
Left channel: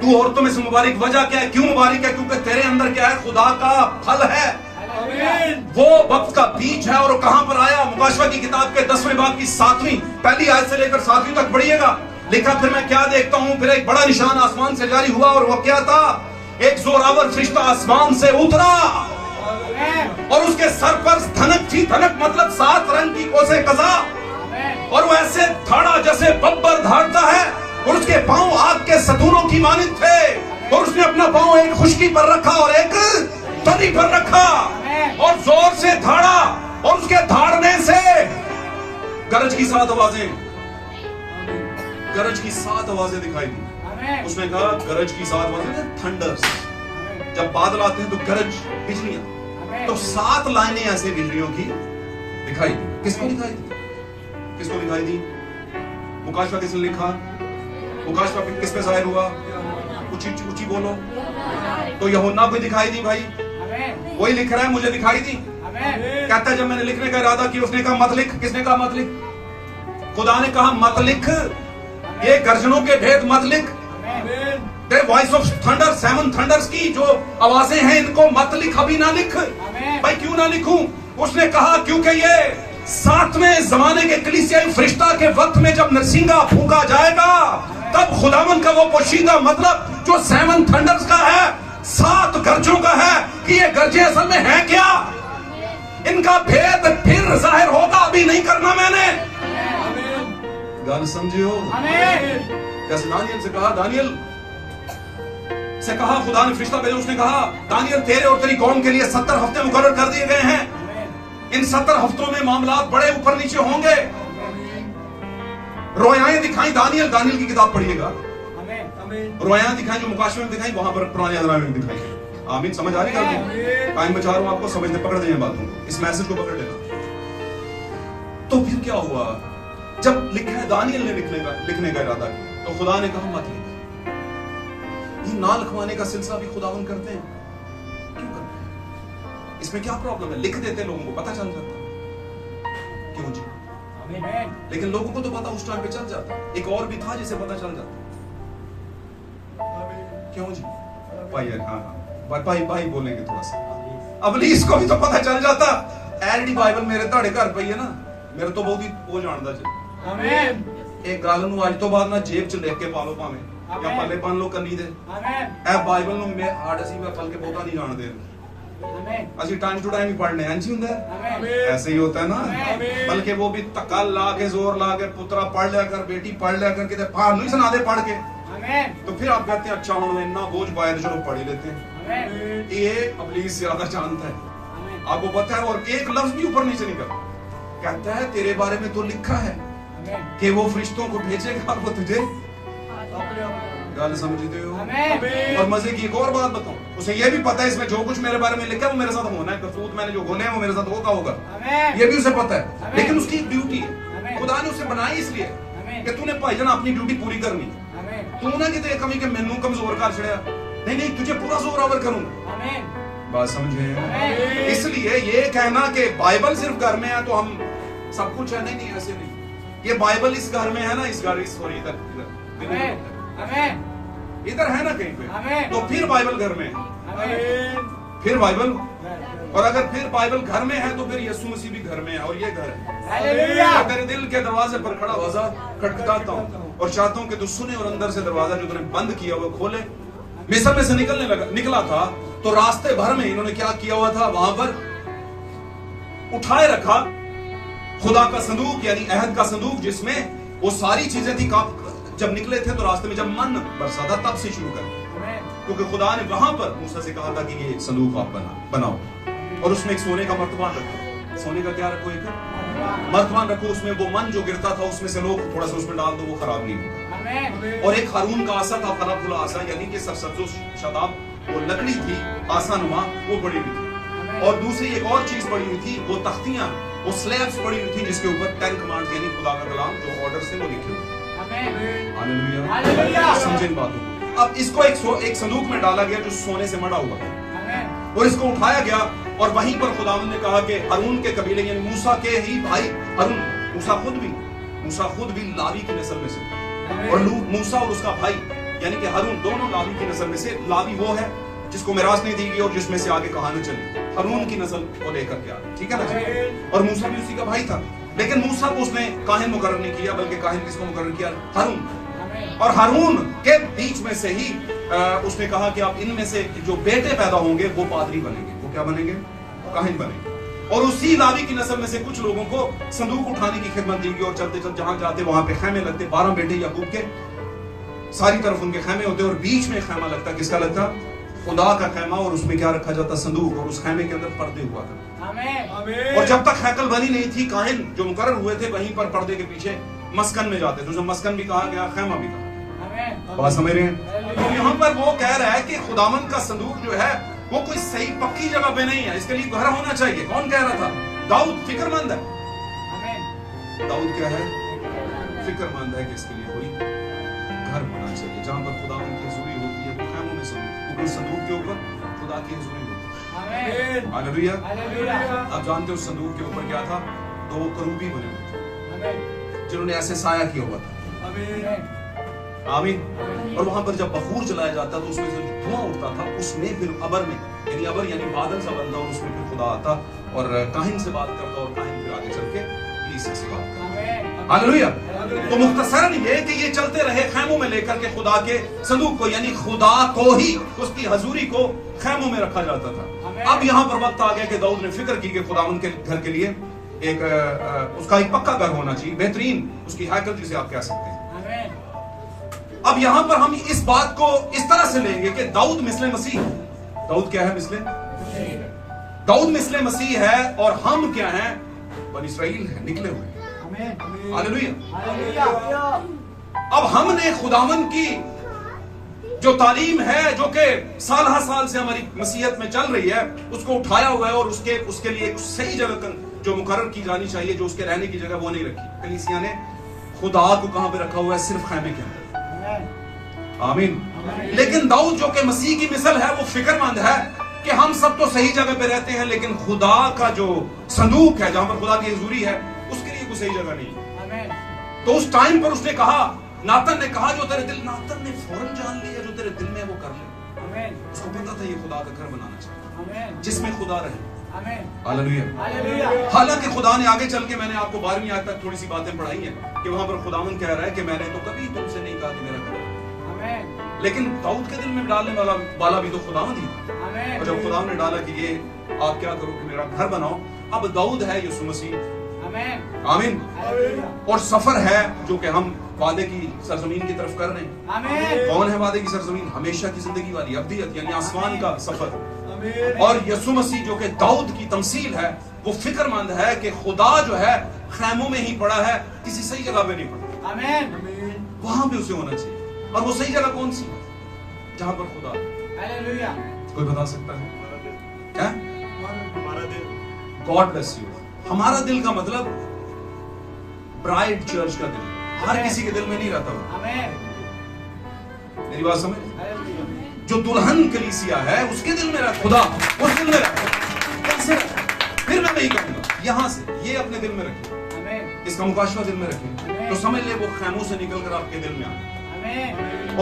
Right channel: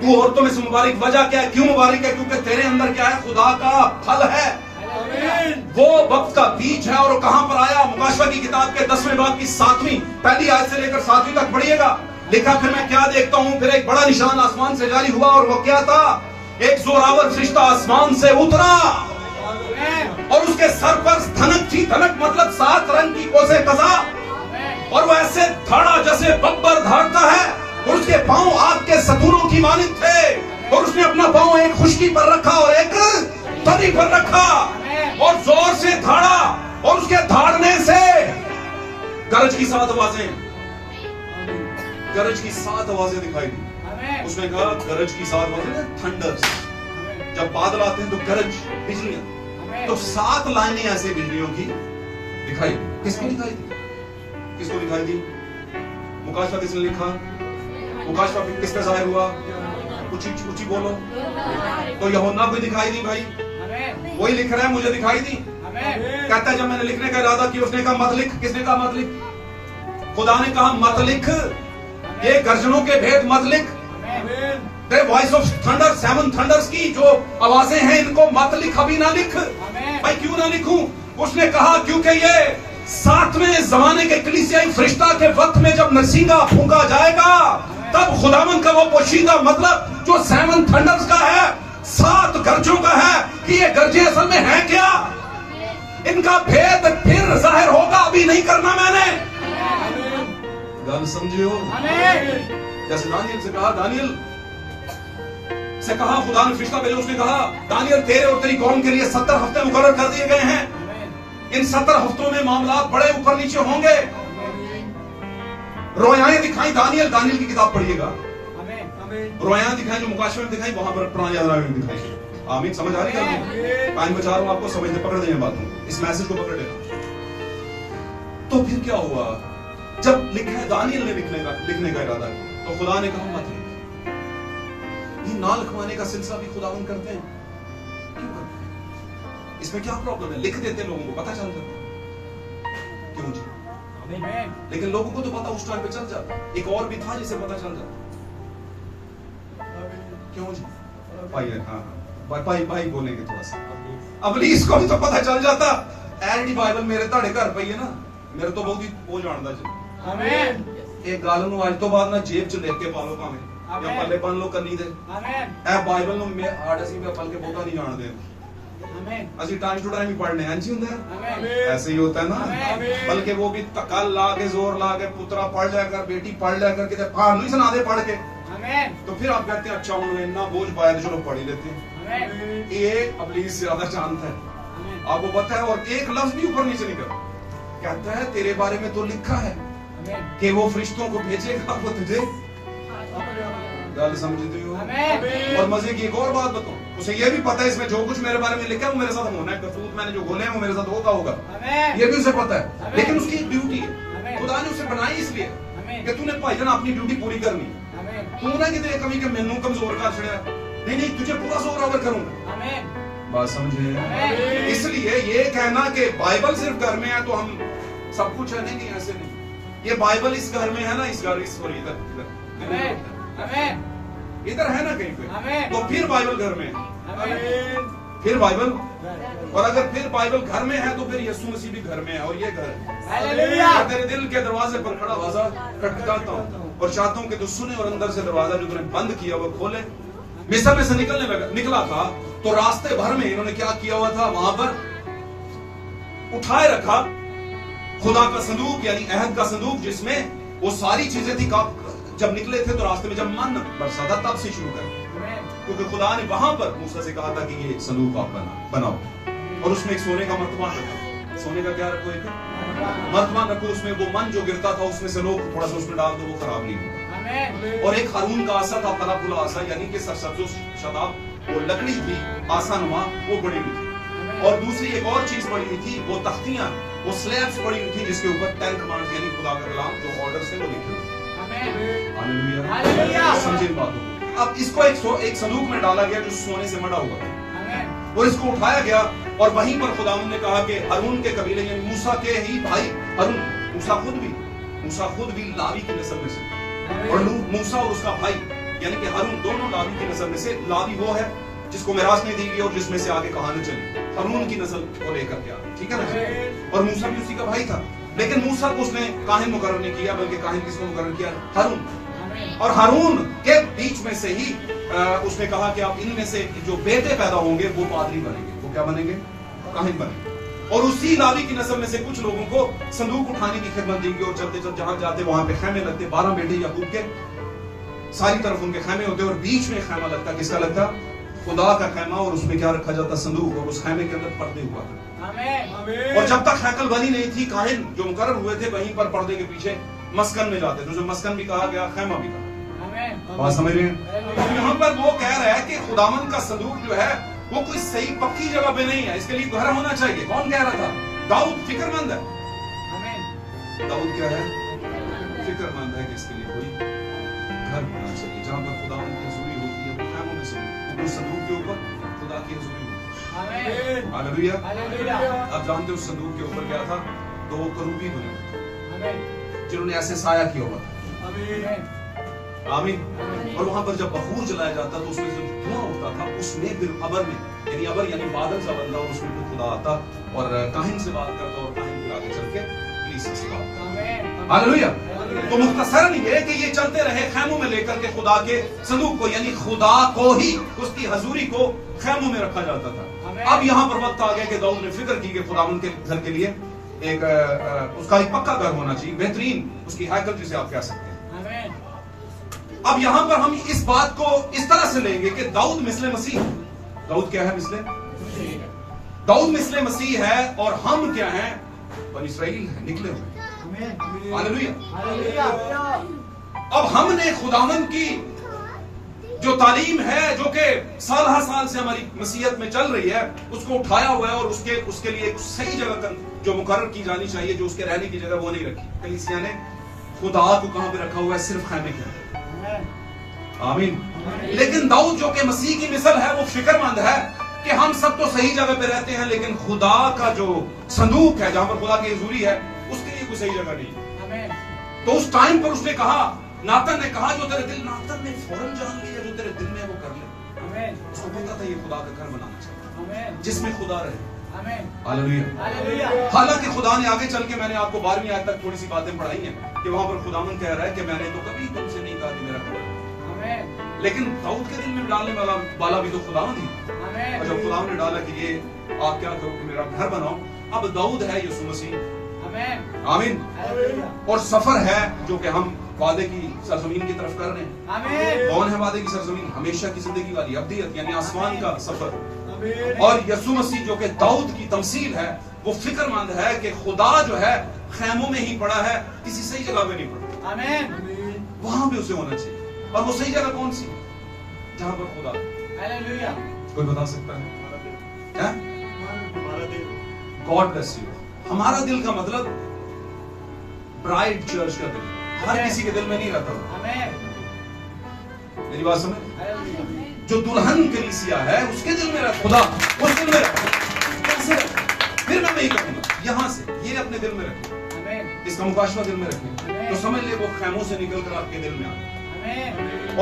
तू औरतों में से मुबारक। वजह क्या है, क्यों मुबारक है? क्योंकि तेरे अंदर क्या है, खुदा का फल है, वो वक्त का बीज है। और वो कहां पर आया? मुकाशवा की किताब के 10वें बाब की 7वीं पहली आयत से लेकर 7वीं तक पढ़िएगा। लिखा, फिर मैं क्या देखता हूं, फिर एक बड़ा निशान आसमान से जारी हुआ और वो क्या था? एक जोरावर फरिश्ता आसमान से उतरा और उसके सर पर धनक थी। धनक मतलब 7 रंग की कोसे कजा, और वो ऐसे धाड़ा जैसे बब्बर धाड़ता है, और उसके पांव आग के सतूरों की मानिंद थे, और उसने अपना पांव एक खुशकी पर रखा और एक तनी पर रखा और जोर से धाड़ा, और उसके धाड़ने से गरज की 7 आवाजें, गरज की 7 आवाजें दिखाई दी। उसने कहा गरज की 7 आवाजें, थंडर्स, जब बादल आते हैं तो गरज, बिजलियां, तो 7 लाइनें ऐसे बिजलियों की दिखाई दी। किसको दिखाई दी? किसको दिखाई दी? मुकाशवा किसने लिखा? मुकाशवा किस पे जाहिर हुआ? ऊंची ऊंची बोलो। तो यूहन्ना को दिखाई दी भाई, वही लिख रहा है, मुझे दिखाई दी। कहता है जब मैंने लिखने का इरादा किया, उसने कहा मत लिख। किसने कहा मत लिख? खुदा ने कहा मत लिख, ये गर्जनों के भेद मत लिख। The voice of thunder, 7 thunders की जो आवाजें हैं, इनको मत लिख, अभी ना लिख। भाई क्यों ना लिखूं? उसने कहा क्योंकि ये 7वें जमाने के कलीसियाई फरिश्ता के वक्त में जब नरसिंगा फूंका जाएगा, तब खुदावन का वो पोशीदा मतलब जो 7 थंडर्स का है, 7 गर्जों का है, कि ये गर्जे असल में है क्या, इनका भेद फिर जाहिर होगा, अभी नहीं करना मैंने। गल समझियो? जैसे दानियल से कहा, दानियल से कहा, खुदा ने फरिश्ता भेजा, उसने कहा दानियल तेरे और तेरी कौम के लिए 70 हफ्ते मुकर्रर कर दिए गए हैं। इन 70 हफ्तों में मामलात बड़े ऊपर नीचे होंगे। रोयाएं दिखाई दानियल की किताब पढ़िएगा, रोयाएं दिखाई जो मुकाशवा में दिखाई, वहां पर पुराने अहद में दिखाई। आमीन, समझ आ रही है? टाइम बचा रहा हूं आपको समझने, पकड़ देंगे बात, इस मैसेज को पकड़ लेना। तो फिर क्या हुआ? जब लिखा है दानियल ने लिखने का इरादा किया, तो खुदा ने कहा मत लिख। ये ना लिखवाने का सिलसिला भी खुदावन करते हैं, क्यों करते हैं? इसमें क्या प्रॉब्लम है? लिख देते, लोगों को पता चल जाता। क्यों जी? लेकिन लोगों को तो पता उस टाइम पे चल जाता। एक और भी था जिसे पता चल जाता। क्यों जी? भाई हाँ भाई बोलेंगे थोड़ा सा। अबलीस को भी तो पता चल जाता। एडी बाइबल मेरे ताड़े घर पई है ना, मेरे तो बहुत ही वो जानता जी। एक गाल नूं अज तो बाद ना जेब च लिख के पा लो, भावें या पल्ले बन लो कनी दे। ए बाइबल नूं मैं आड़ असीं पल के बहुता नहीं जानते, असि टाइम टू टाइम ही पढ़ने हैं जी, हुंदा ऐसे ही होता है ना। बल्कि वो भी तकल ला के, जोर ला के, पुत्रा पढ़ लिया कर, बेटी पढ़ लिया कर, किते फान नहीं सुना दे पढ़ के। तो फिर आप कहते हैं अच्छा उन्होंने इतना बोझ पाया तो चलो पढ़ ही लेते हैं। ये अबलीस ज्यादा जानता है, आपको पता है। और एक लफ्ज भी ऊपर नीचे निकल, कहता है तेरे बारे में तो लिखा है कि वो फरिश्तों को भेजेगा, वो तुझे। गल समझते हो? और मजे की एक और बात बताऊं, उसे ये भी पता है इसमें जो कुछ मेरे बारे में लिखा है वो मेरे साथ होना है, करतूत मैंने जो खोले हैं वो मेरे साथ होगा, ये भी उसे पता है। लेकिन उसकी एक ड्यूटी है, खुदा ने उसे बनाई इसलिए कि तूने भाईजान अपनी ड्यूटी पूरी करनी। तू ना किते कमी के मैनू कमजोर कर छड़िया, नहीं तुझे पूरा जोर ओवर करूंगा। बात समझे? इसलिए ये कहना कि बाइबल सिर्फ घर में है तो हम सब कुछ है, नहीं ऐसे नहीं। ये बाइबल इस घर में है ना, इस घर सॉरी इधर है ना कहीं पे, तो फिर बाइबल घर में है, फिर बाइबल। और अगर फिर बाइबल घर में है तो फिर यीशु मसीह भी घर में है, और ये घर है। मैं तेरे दिल के दरवाजे पर खड़ा आवाज़ खटखटाता हूँ और चाहता हूँ कि तू सुने, और अंदर से दरवाजा जो तूने बंद किया वो खोले। मिस्र में से निकला था तो रास्ते भर में इन्होंने क्या किया हुआ था, वहां पर उठाए रखा खुदा का संदूक, यानी अहद का संदूक, जिसमें वो सारी चीजें थी। जब निकले थे तो रास्ते में जब मन बरसा था तब से शुरू कर, क्योंकि खुदा ने वहां पर मूसा से कहा था कि ये एक संदूक आप बनाओ, और उसमें एक सोने का मर्तबान रखो। सोने का क्या रखो? एक मर्तबान रखो, उसमें वो मन जो गिरता था उसमें से लोग थोड़ा सा उसमें डाल दो, वो खराब नहीं हो। और एक हारून का आसा था, फला फुला आसा, यानी कि सरसब्ज़ो शताब, वो लकड़ी थी आसा नुमा, वो बड़ी हुई थी। और दूसरी एक और चीज बड़ी हुई थी, वो तख्तियां, वो स्लैब्स पड़ी हुई थी, जिसके ऊपर 10 कमांड्स यानी खुदा का कलाम जो ऑर्डर से वो लिखे हुए। हालेलुया। समझे इन बातों को। अब इसको एक संदूक में डाला गया जो सोने से मढ़ा हुआ था और इसको उठाया गया और वहीं पर खुदावंद ने कहा कि हारून के कबीले यानी मूसा के ही भाई हारून, मूसा खुद भी लावी की नस्ल में से, और मूसा और उसका भाई यानी कि हारून दोनों लावी की नस्ल में से। लावी वो है जिसको मिरास नहीं दी गई और जिसमें से आगे कहानी चली, हारून की नस्ल को लेकर के आया, ठीक है ना। और मूसा भी उसी का भाई था, लेकिन मूसा को उसने काहिन मुकर्रर नहीं किया, बल्कि काहिन किसको मुकर्रर किया? हारून। और हारून के बीच में से ही उसने कहा कि आप इनमें से जो बेटे पैदा होंगे वो पादरी बनेंगे। वो क्या बनेंगे? काहिन बनेंगे। और उसी लावी की नस्ल में से कुछ लोगों को संदूक उठाने की खिदमत दी गई और चलते चलते जहां जाते वहां पे खैमे लगते। 12 बेटे याकूब के, सारी तरफ उनके खैमे होते और बीच में खैमा लगता। किसका लगता? खुदा का खैमा। और उसमें क्या रखा जाता? संदूक। और उस खैमे के अंदर पर्दे हुआ करते। और जब तक हैकल बनी नहीं थी, काहिन जो मुकर्रर हुए थे वहीं पर पर्दे के पीछे मस्कन में जाते थे। उसे मस्कन भी कहा गया, खैमा भी कहा। बात समझ रहे हैं? तो यहाँ पर वो कह रहा है कि खुदावंद का संदूक जो है वो कोई सही पक्की जगह पे नहीं है, इसके लिए घर होना चाहिए। कौन कह रहा था? दाऊद फिक्रमंद है। दाऊद क्या है? फिक्रमंद है कि इसके लिए कोई घर होना चाहिए जहां पर खुदावंद की हुजूरी होती है। वो खैमों में से उस संदूक के ऊपर खुदा की हुजूरी होती है। हालेलुया। आप जानते हो उस संदूक के ऊपर क्या था? 2 करूबी बने हुए जिन्होंने ऐसे साया किया हुआ था। आमीन। और वहां पर जब बखूर जलाया जाता तो उसमें से धुआं उठता था, उसमें फिर अबर में यानी अबर यानी बादल सा बनता और उसमें फिर खुदा आता और काहिन से बात करता और काहिन फिर आगे चल के कलीसिया से बात करता। हालेलुया। तो मुख्तसरन ये कि ये चलते रहे खैमों में लेकर के खुदा के संदूक को, यानी खुदा को ही, उसकी हजूरी को खैमों में रखा जाता था। अब यहाँ पर वक्त आ गया कि दाऊद ने फिक्र की कि खुदावंद के घर के लिए उसका एक पक्का घर होना चाहिए, बेहतरीन उसकी हैकल जिसे आप कह सकते हैं। अब यहां पर हम इस बात को इस तरह से लेंगे कि दाऊद मिस्ले मसीह। दाऊद क्या है? मिस्ले दाऊद मिस्ले मसीह है और हम क्या हैं? बनी इस्राएल है, निकले हुए। हालेलुया। अब हमने खुदावंद की जो तालीम है जो कि साल हर साल से हमारी मसीहत में चल रही है उसको उठाया हुआ है और उसके लिए सही जगह जो मुकर्रर की जानी चाहिए, जो उसके रहने की जगह वो नहीं रखी। कलीसिया ने खुदा को कहां पे रखा हुआ है? सिर्फ खैमे के अंदर। आमीन। लेकिन दाऊद जो कि मसीह की मिसाल है वो फिक्रमंद है कि हम सब तो सही जगह पे रहते हैं, लेकिन खुदा का जो संदूक है जहां पर खुदा की हुजूरी है उसके लिए कोई सही जगह नहीं। तो उस टाइम पर उसने कहा, नातन ने कहा जो तेरे दिल, नातन ने फौरन जान लिया जो तेरे दिल में वो कर ले। उसको पता था ये खुदा का घर बनाना चाहिए जिसमें खुदा रहे। हालेलुया। हालांकि खुदा ने आगे चल के, मैंने आपको 12वीं आयत तक थोड़ी सी बातें पढ़ाई हैं कि वहां पर खुदावंद कह रहा है कि मैंने तो कभी तुमसे नहीं कहा कि मेरा घर, लेकिन दाऊद के दिल में डालने वाला भी तो खुदावंद ही। और जब खुदा ने डाला कि ये आप क्या करो कि मेरा घर बनाओ, अब दाऊद है यीशु मसीह। आमीन। और सफर है जो कि हम वादे की सरजमीन की तरफ कर रहे हैं। कौन है वादे की सरजमीन? हमेशा की जिंदगी वाली अब्दियत यानी आसमान का सफर। और यीशु मसीह जो कि दाऊद की तमसील है वो फिक्रमंद है कि खुदा जो है खैमों में ही पड़ा है, किसी सही जगह पे नहीं पड़ा। आमीन। वहां पे उसे होना चाहिए। और वो सही जगह कौन सी? जहां पर खुदा। हालेलुया। कोई बता सकता है? God bless you. हमारा दिल का मतलब ब्राइड चर्च का दिल, हर किसी के दिल में नहीं रहता। मेरी बात समझ? जो दुल्हन कलीसिया है उसके दिल में रहता खुदा, उस दिल में रहता। कैसे? फिर मैं नहीं कहूंगा यहां से ये अपने दिल में रखें, इसका मुकाशवा दिल में रखें, तो समझ ले वो खैमों से निकल कर आपके दिल में आ,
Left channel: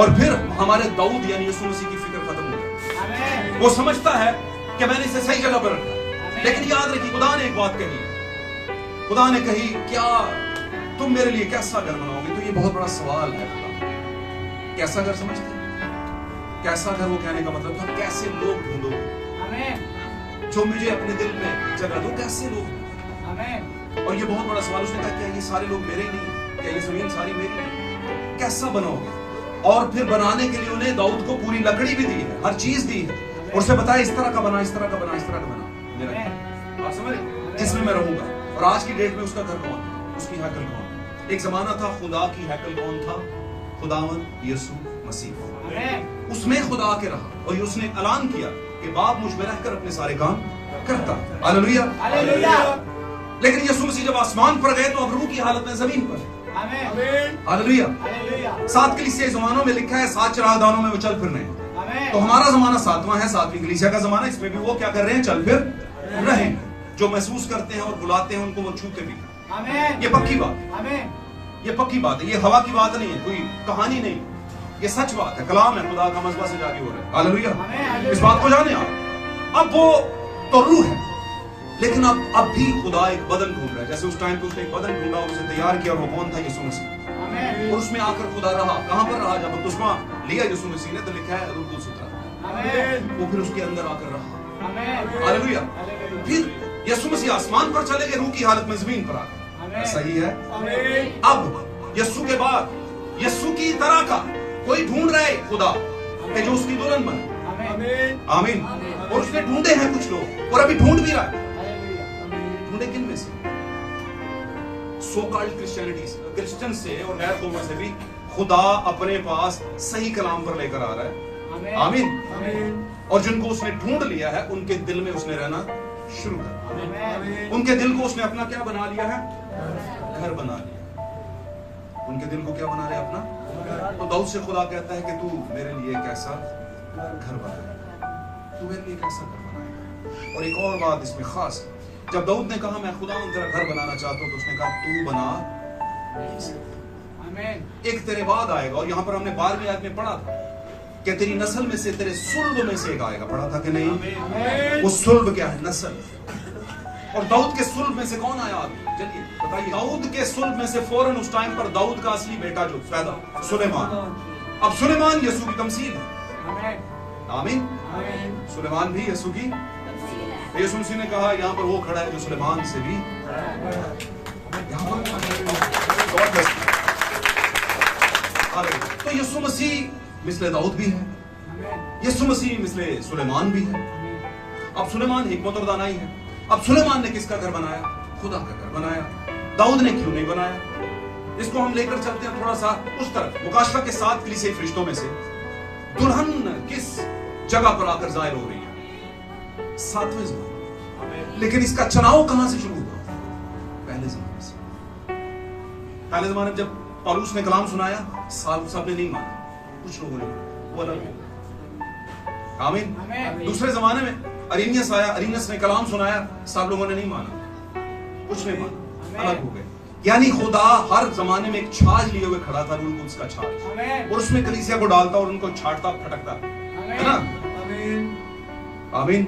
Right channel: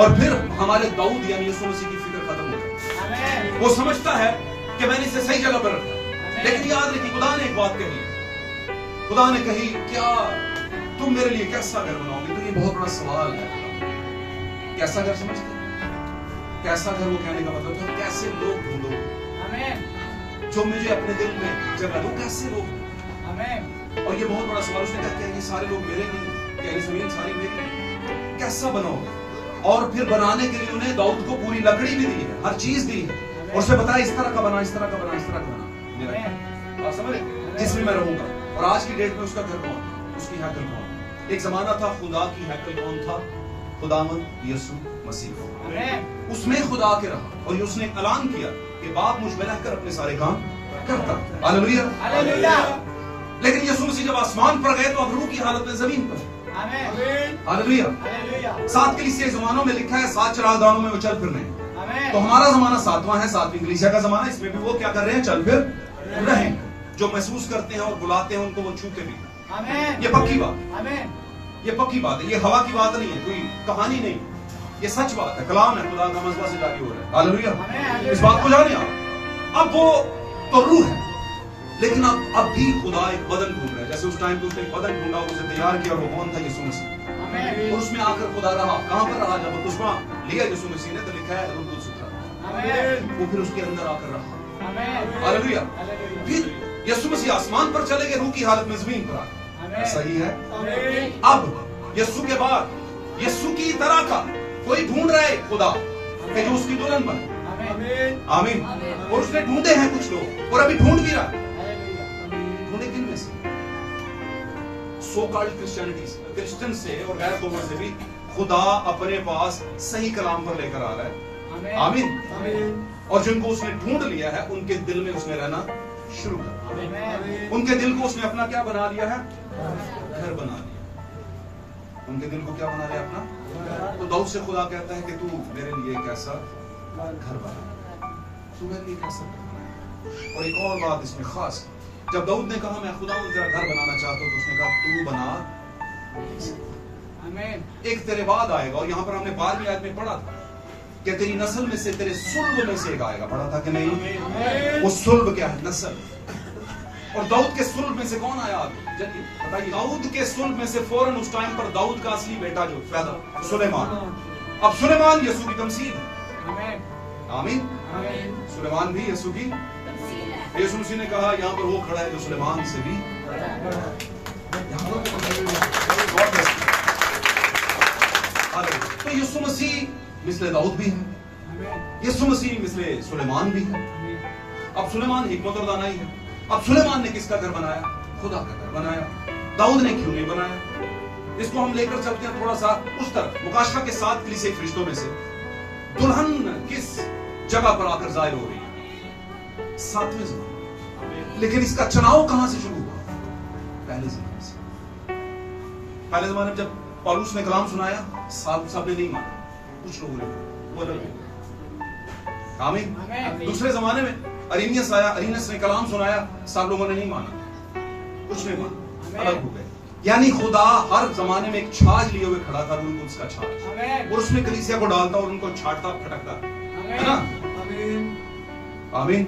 और फिर हमारे दाऊद यानी यीशु मसीह की फिक्र खत्म हो जाए। वो समझता है कि मैंने इसे सही जगह पर रखा। लेकिन याद रखिए खुदा ने एक बात कही, खुदा ने कही क्या तुम मेरे लिए कैसा घर बनाओगे? तो ये बहुत बड़ा सवाल है। कैसा घर समझते? कैसा घर, वो कहने का मतलब था कैसे लोग ढूंढो जो मुझे अपने दिल में जगह दो, कैसे लोग। और ये बहुत बड़ा सवाल। उसने कहा कि ये सारे लोग मेरे नहीं, क्या ये जमीन सारी मेरी? कैसा बनाओगे? और फिर बनाने के लिए उन्हें दाऊद को पूरी लकड़ी भी दी है, हर चीज दी है, और उसे बताया इस तरह का बना, इस तरह का बना, इस तरह का बना मेरा, आप समझ जिसमें मैं रहूंगा। और आज की डेट में उसका घर कौन? उसकी हैकल कौन? एक जमाना था खुदा की हैकल कौन था? खुदावंद यीशु मसीह। उसमें खुदा के रहा और उसने ऐलान किया कि बाप मुझ में रहकर अपने सारे काम करता। हालेलुया। लेकिन यीशु मसीह जब आसमान पर गए तो अब रूह की हालत में जमीन पर। हालेलुया। 7 कलीसिया जमानों में लिखा है 7 चरागाहों में वो चल फिर रहे हैं। तो हमारा जमाना 7वां है, 7वीं कलीसिया का जमाना, इसमें भी वो क्या कर रहे हैं? चल फिर रहे हैं। जो महसूस करते हैं और बुलाते हैं उनको वो छूते भी हैं। ये पक्की बात, ये पक्की बात है, ये हवा की बात नहीं है, कोई कहानी नहीं, ये सच बात है, कलाम है, खुदा का मज़बा से जारी हो रहा है। हालेलुया। इस बात को जाने आप। अब वो तो रूह है, लेकिन अब भी खुदा एक बदन ढूंढ रहा है। जैसे उस टाइम पे उसने एक बदन ढूंढा और उसे तैयार किया, और वो कौन था? यीशु मसीह। और उसमें आकर खुदा रहा। कहां पर रहा? जब बपतिस्मा लिया यीशु मसीह ने तो लिखा है रूह कुदस उतरा, वो फिर उसके अंदर आकर रहा। हालेलुया। फिर यीशु मसीह आसमान पर चले गए, रूह की हालत में जमीन पर आ। ऐसा ही है। अब यीशु के बाद यीशु की तरह का कोई ढूंढ रहे खुदा कि जो उसकी दुल्हन बने। आमीन। और उसने ढूंढे हैं कुछ लोग, और अभी ढूंढ भी रहा है। ढूंढे किन में से? सो कॉल्ड क्रिश्चियन से और गैर कौमों से भी खुदा अपने पास सही कलाम पर लेकर आ रहा है। आमीन। और जिनको उसने ढूंढ लिया है उनके दिल में उसने रहना शुरू कर दिया। उनके दिल को उसने अपना क्या बना लिया है? घर बना लिया। उनके दिल को क्या बना लिया? अपना। तो दाऊद से खुदा कहता है कि तू मेरे लिए एक ऐसा घर बना, तू मेरे लिए एक ऐसा घर बना। और एक और बात इसमें खास, जब दाऊद ने कहा मैं खुदा तेरा घर बनाना चाहता हूं, तो उसने कहा तू बना। एक तेरे बाद आएगा, और यहां पर हमने 12वीं आयत में पढ़ा था कि तेरी नस्ल में से, तेरे सुल्ब में से एक आएगा। पढ़ा था कि नहीं? वो सुल्ब क्या है? नस्ल। और दाऊद के सुल्ब में से कौन आया? चलिए बताइए। दाऊद के सुल्ब में से फौरन उस टाइम पर दाऊद का असली बेटा जो पैदा, सुलेमान। अब सुलेमान यीशु की तमसील है। आमीन। सुलेमान भी यीशु की। यीशु मसीह ने कहा यहाँ पर वो खड़ा है जो सुलेमान से भी। तो यीशु मसीह मिसले दाऊद भी है, यीशु मसीह मिसले सुलेमान भी है। अब सुलेमान हिकमत और दानाई है। अब सुलेमान ने किसका घर बनाया? खुदा का घर बनाया। दाऊद ने क्यों नहीं बनाया? इसको हम लेकर चलते हैं थोड़ा सा उस तरफ। मुकाशवा के 7 कलीसिया फरिश्तों में से दुल्हन किस जगह पर आकर जाहिर हो रही है? 7वें ज़माने। लेकिन इसका चुनाव कहां से शुरू हुआ? पहले ज़माने से। पहले ज़माने में जब पौलुस ने कलाम सुनाया, सबने नहीं माना, कुछ लोगों ने, वो अलग हो गए। आमीन। दूसरे ज़माने में अरीनियस आया, अरीनियस ने कलाम सुनाया, सब लोगों ने नहीं माना, कुछ नहीं माना, अलग हो गए। यानी खुदा हर जमाने में एक छाज लिए हुए खड़ा था, रूह कुदस का छाज, और उसमें कलीसिया को डालता और उनको छाटता फटकता, है ना? आमीन।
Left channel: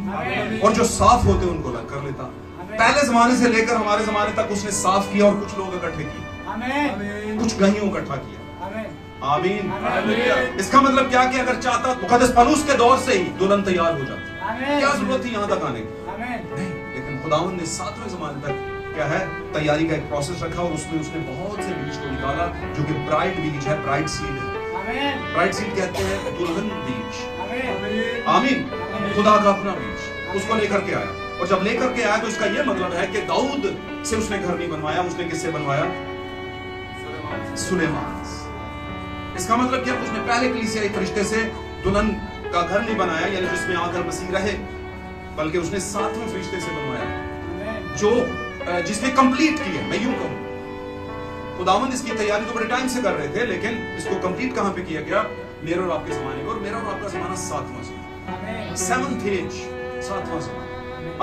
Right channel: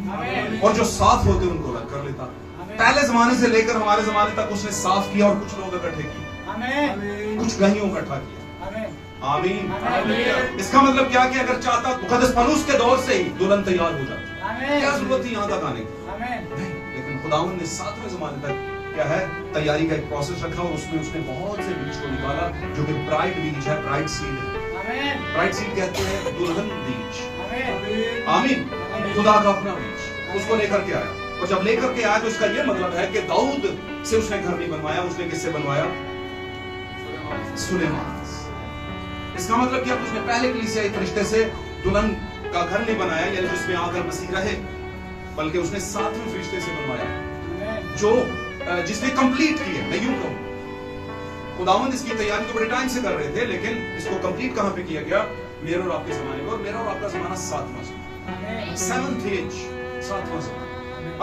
और जो साफ होते उनको अलग कर लेता। पहले जमाने से लेकर हमारे जमाने तक उसने साफ किया और कुछ लोग इकट्ठे किए, कुछ गहियों इकट्ठा किया। आमीन। इसका मतलब क्या कि अगर चाहता तो मुकद्दस पौलुस के दौर से ही दुल्हन तैयार हो जाती। क्या जरूरत थी यहाँ तक आने की? लेकिन खुदावंद ने 7वें ज़माने तक क्या है, तैयारी का एक प्रोसेस रखा, और उसमें उसने बहुत से बीज को निकाला, जो कि ब्राइड बीज है, ब्राइड सीड है। ब्राइड सीड कहते हैं दुल्हन बीज। आमीन। खुदा का अपना बीज, उसको लेकर के आया। और जब लेकर के आया तो उसका यह मतलब है कि दाऊद से उसने घर नहीं बनवाया, उसने किससे बनवाया? सुलेमान। इसका मतलब क्या? उसने पहले कलीसिया के रिश्ते से दुल्हन का घर नहीं बनाया, यानी जिसमें आकर मसीह रहे, बल्कि उसने 7वें रिश्ते से बनवाया, जो जिसने कंप्लीट किया। मैं यूं कहूं, खुदावंद इसकी तैयारी तो बड़े टाइम से कर रहे थे, लेकिन इसको कंप्लीट कहां पे किया गया? मेरे और आपके जमाने में। और मेरा और आपका जमाना 7वां ज़माना, 7th एज, 7वां ज़माना।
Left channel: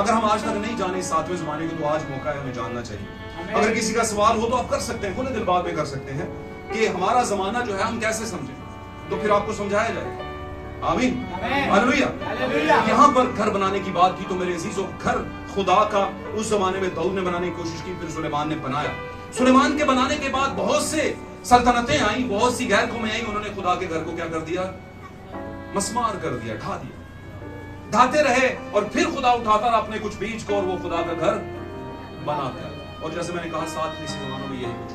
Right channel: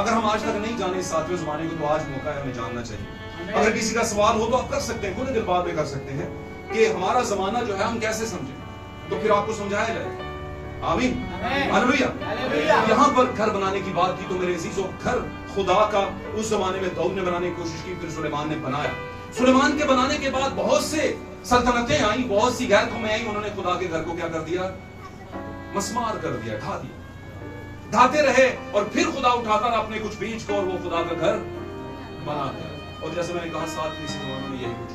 अगर हम आज तक नहीं जाने 7वें ज़माने को, तो आज मौका है, हमें जानना चाहिए। अगर किसी का सवाल हो तो आप कर सकते हैं, खुले दिल बात में कर सकते हैं कि हमारा जमाना जो है हम कैसे समझें, तो फिर आपको समझाया जाएगा। आमीन। हालेलुया। यहाँ पर घर बनाने की बात की तो मेरे अजीजों, घर खुदा का उस जमाने में दाऊद ने बनाने की कोशिश की, फिर सुलेमान ने बनाया। सुलेमान के बनाने के बाद बहुत से सल्तनतें आई, बहुत सी गैर कौमें आई, उन्होंने खुदा के घर को क्या कर दिया? मस्मार कर दिया, ढा दिया। ढाते रहे और फिर खुदा उठाता था अपने कुछ बीज को और वो खुदा का घर बनाता है। और जैसे मैंने कहा 7 ज़माने में यही कुछ।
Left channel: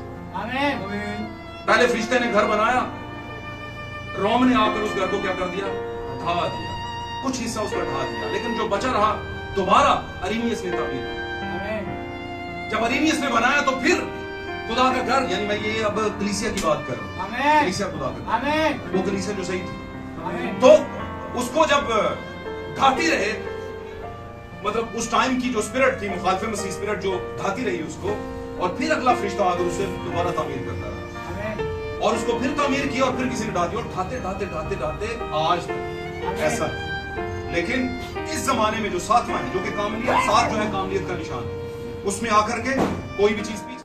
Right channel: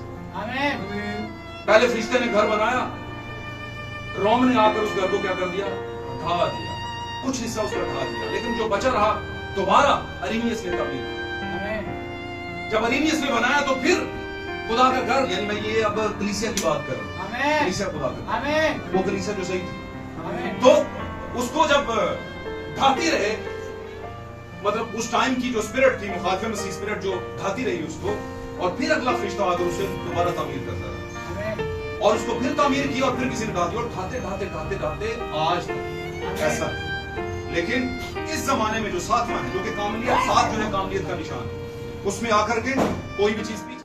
पहले फरिश्ते ने घर बनाया, रोम ने आकर उस घर को क्या कर दिया? ढा दिया, कुछ हिस्सा उसका ढा दिया, लेकिन जो बचा रहा दोबारा अरीनियस ने तब्दील किया। जब अरीनियस ने बनाया तो फिर खुदा का घर, यानी मैं ये अब कलीसिया की बात कर रहा हूं, कलीसिया खुदा का घर, वो कलीसिया जो सही थी, तो उसको जब ढाती रहे, मतलब उस टाइम की जो स्पिरिट थी, मुखालिफ मसीह स्पिरिट, जो ढाती रही उसको, और फिर अगला फरिश्ता आकर उसे दोबारा तामीर करता रहा। और उसको फिर तामीर किया और फिर किसी ने ढा दिया, और ढाते ढाते ढाते ढाते आज ऐसा। लेकिन इस जमाने में जो सातवां है, जो कि कामलियत, सात जो है कामलियत का निशान, उसमें आकर के कोई भी चीज पीछे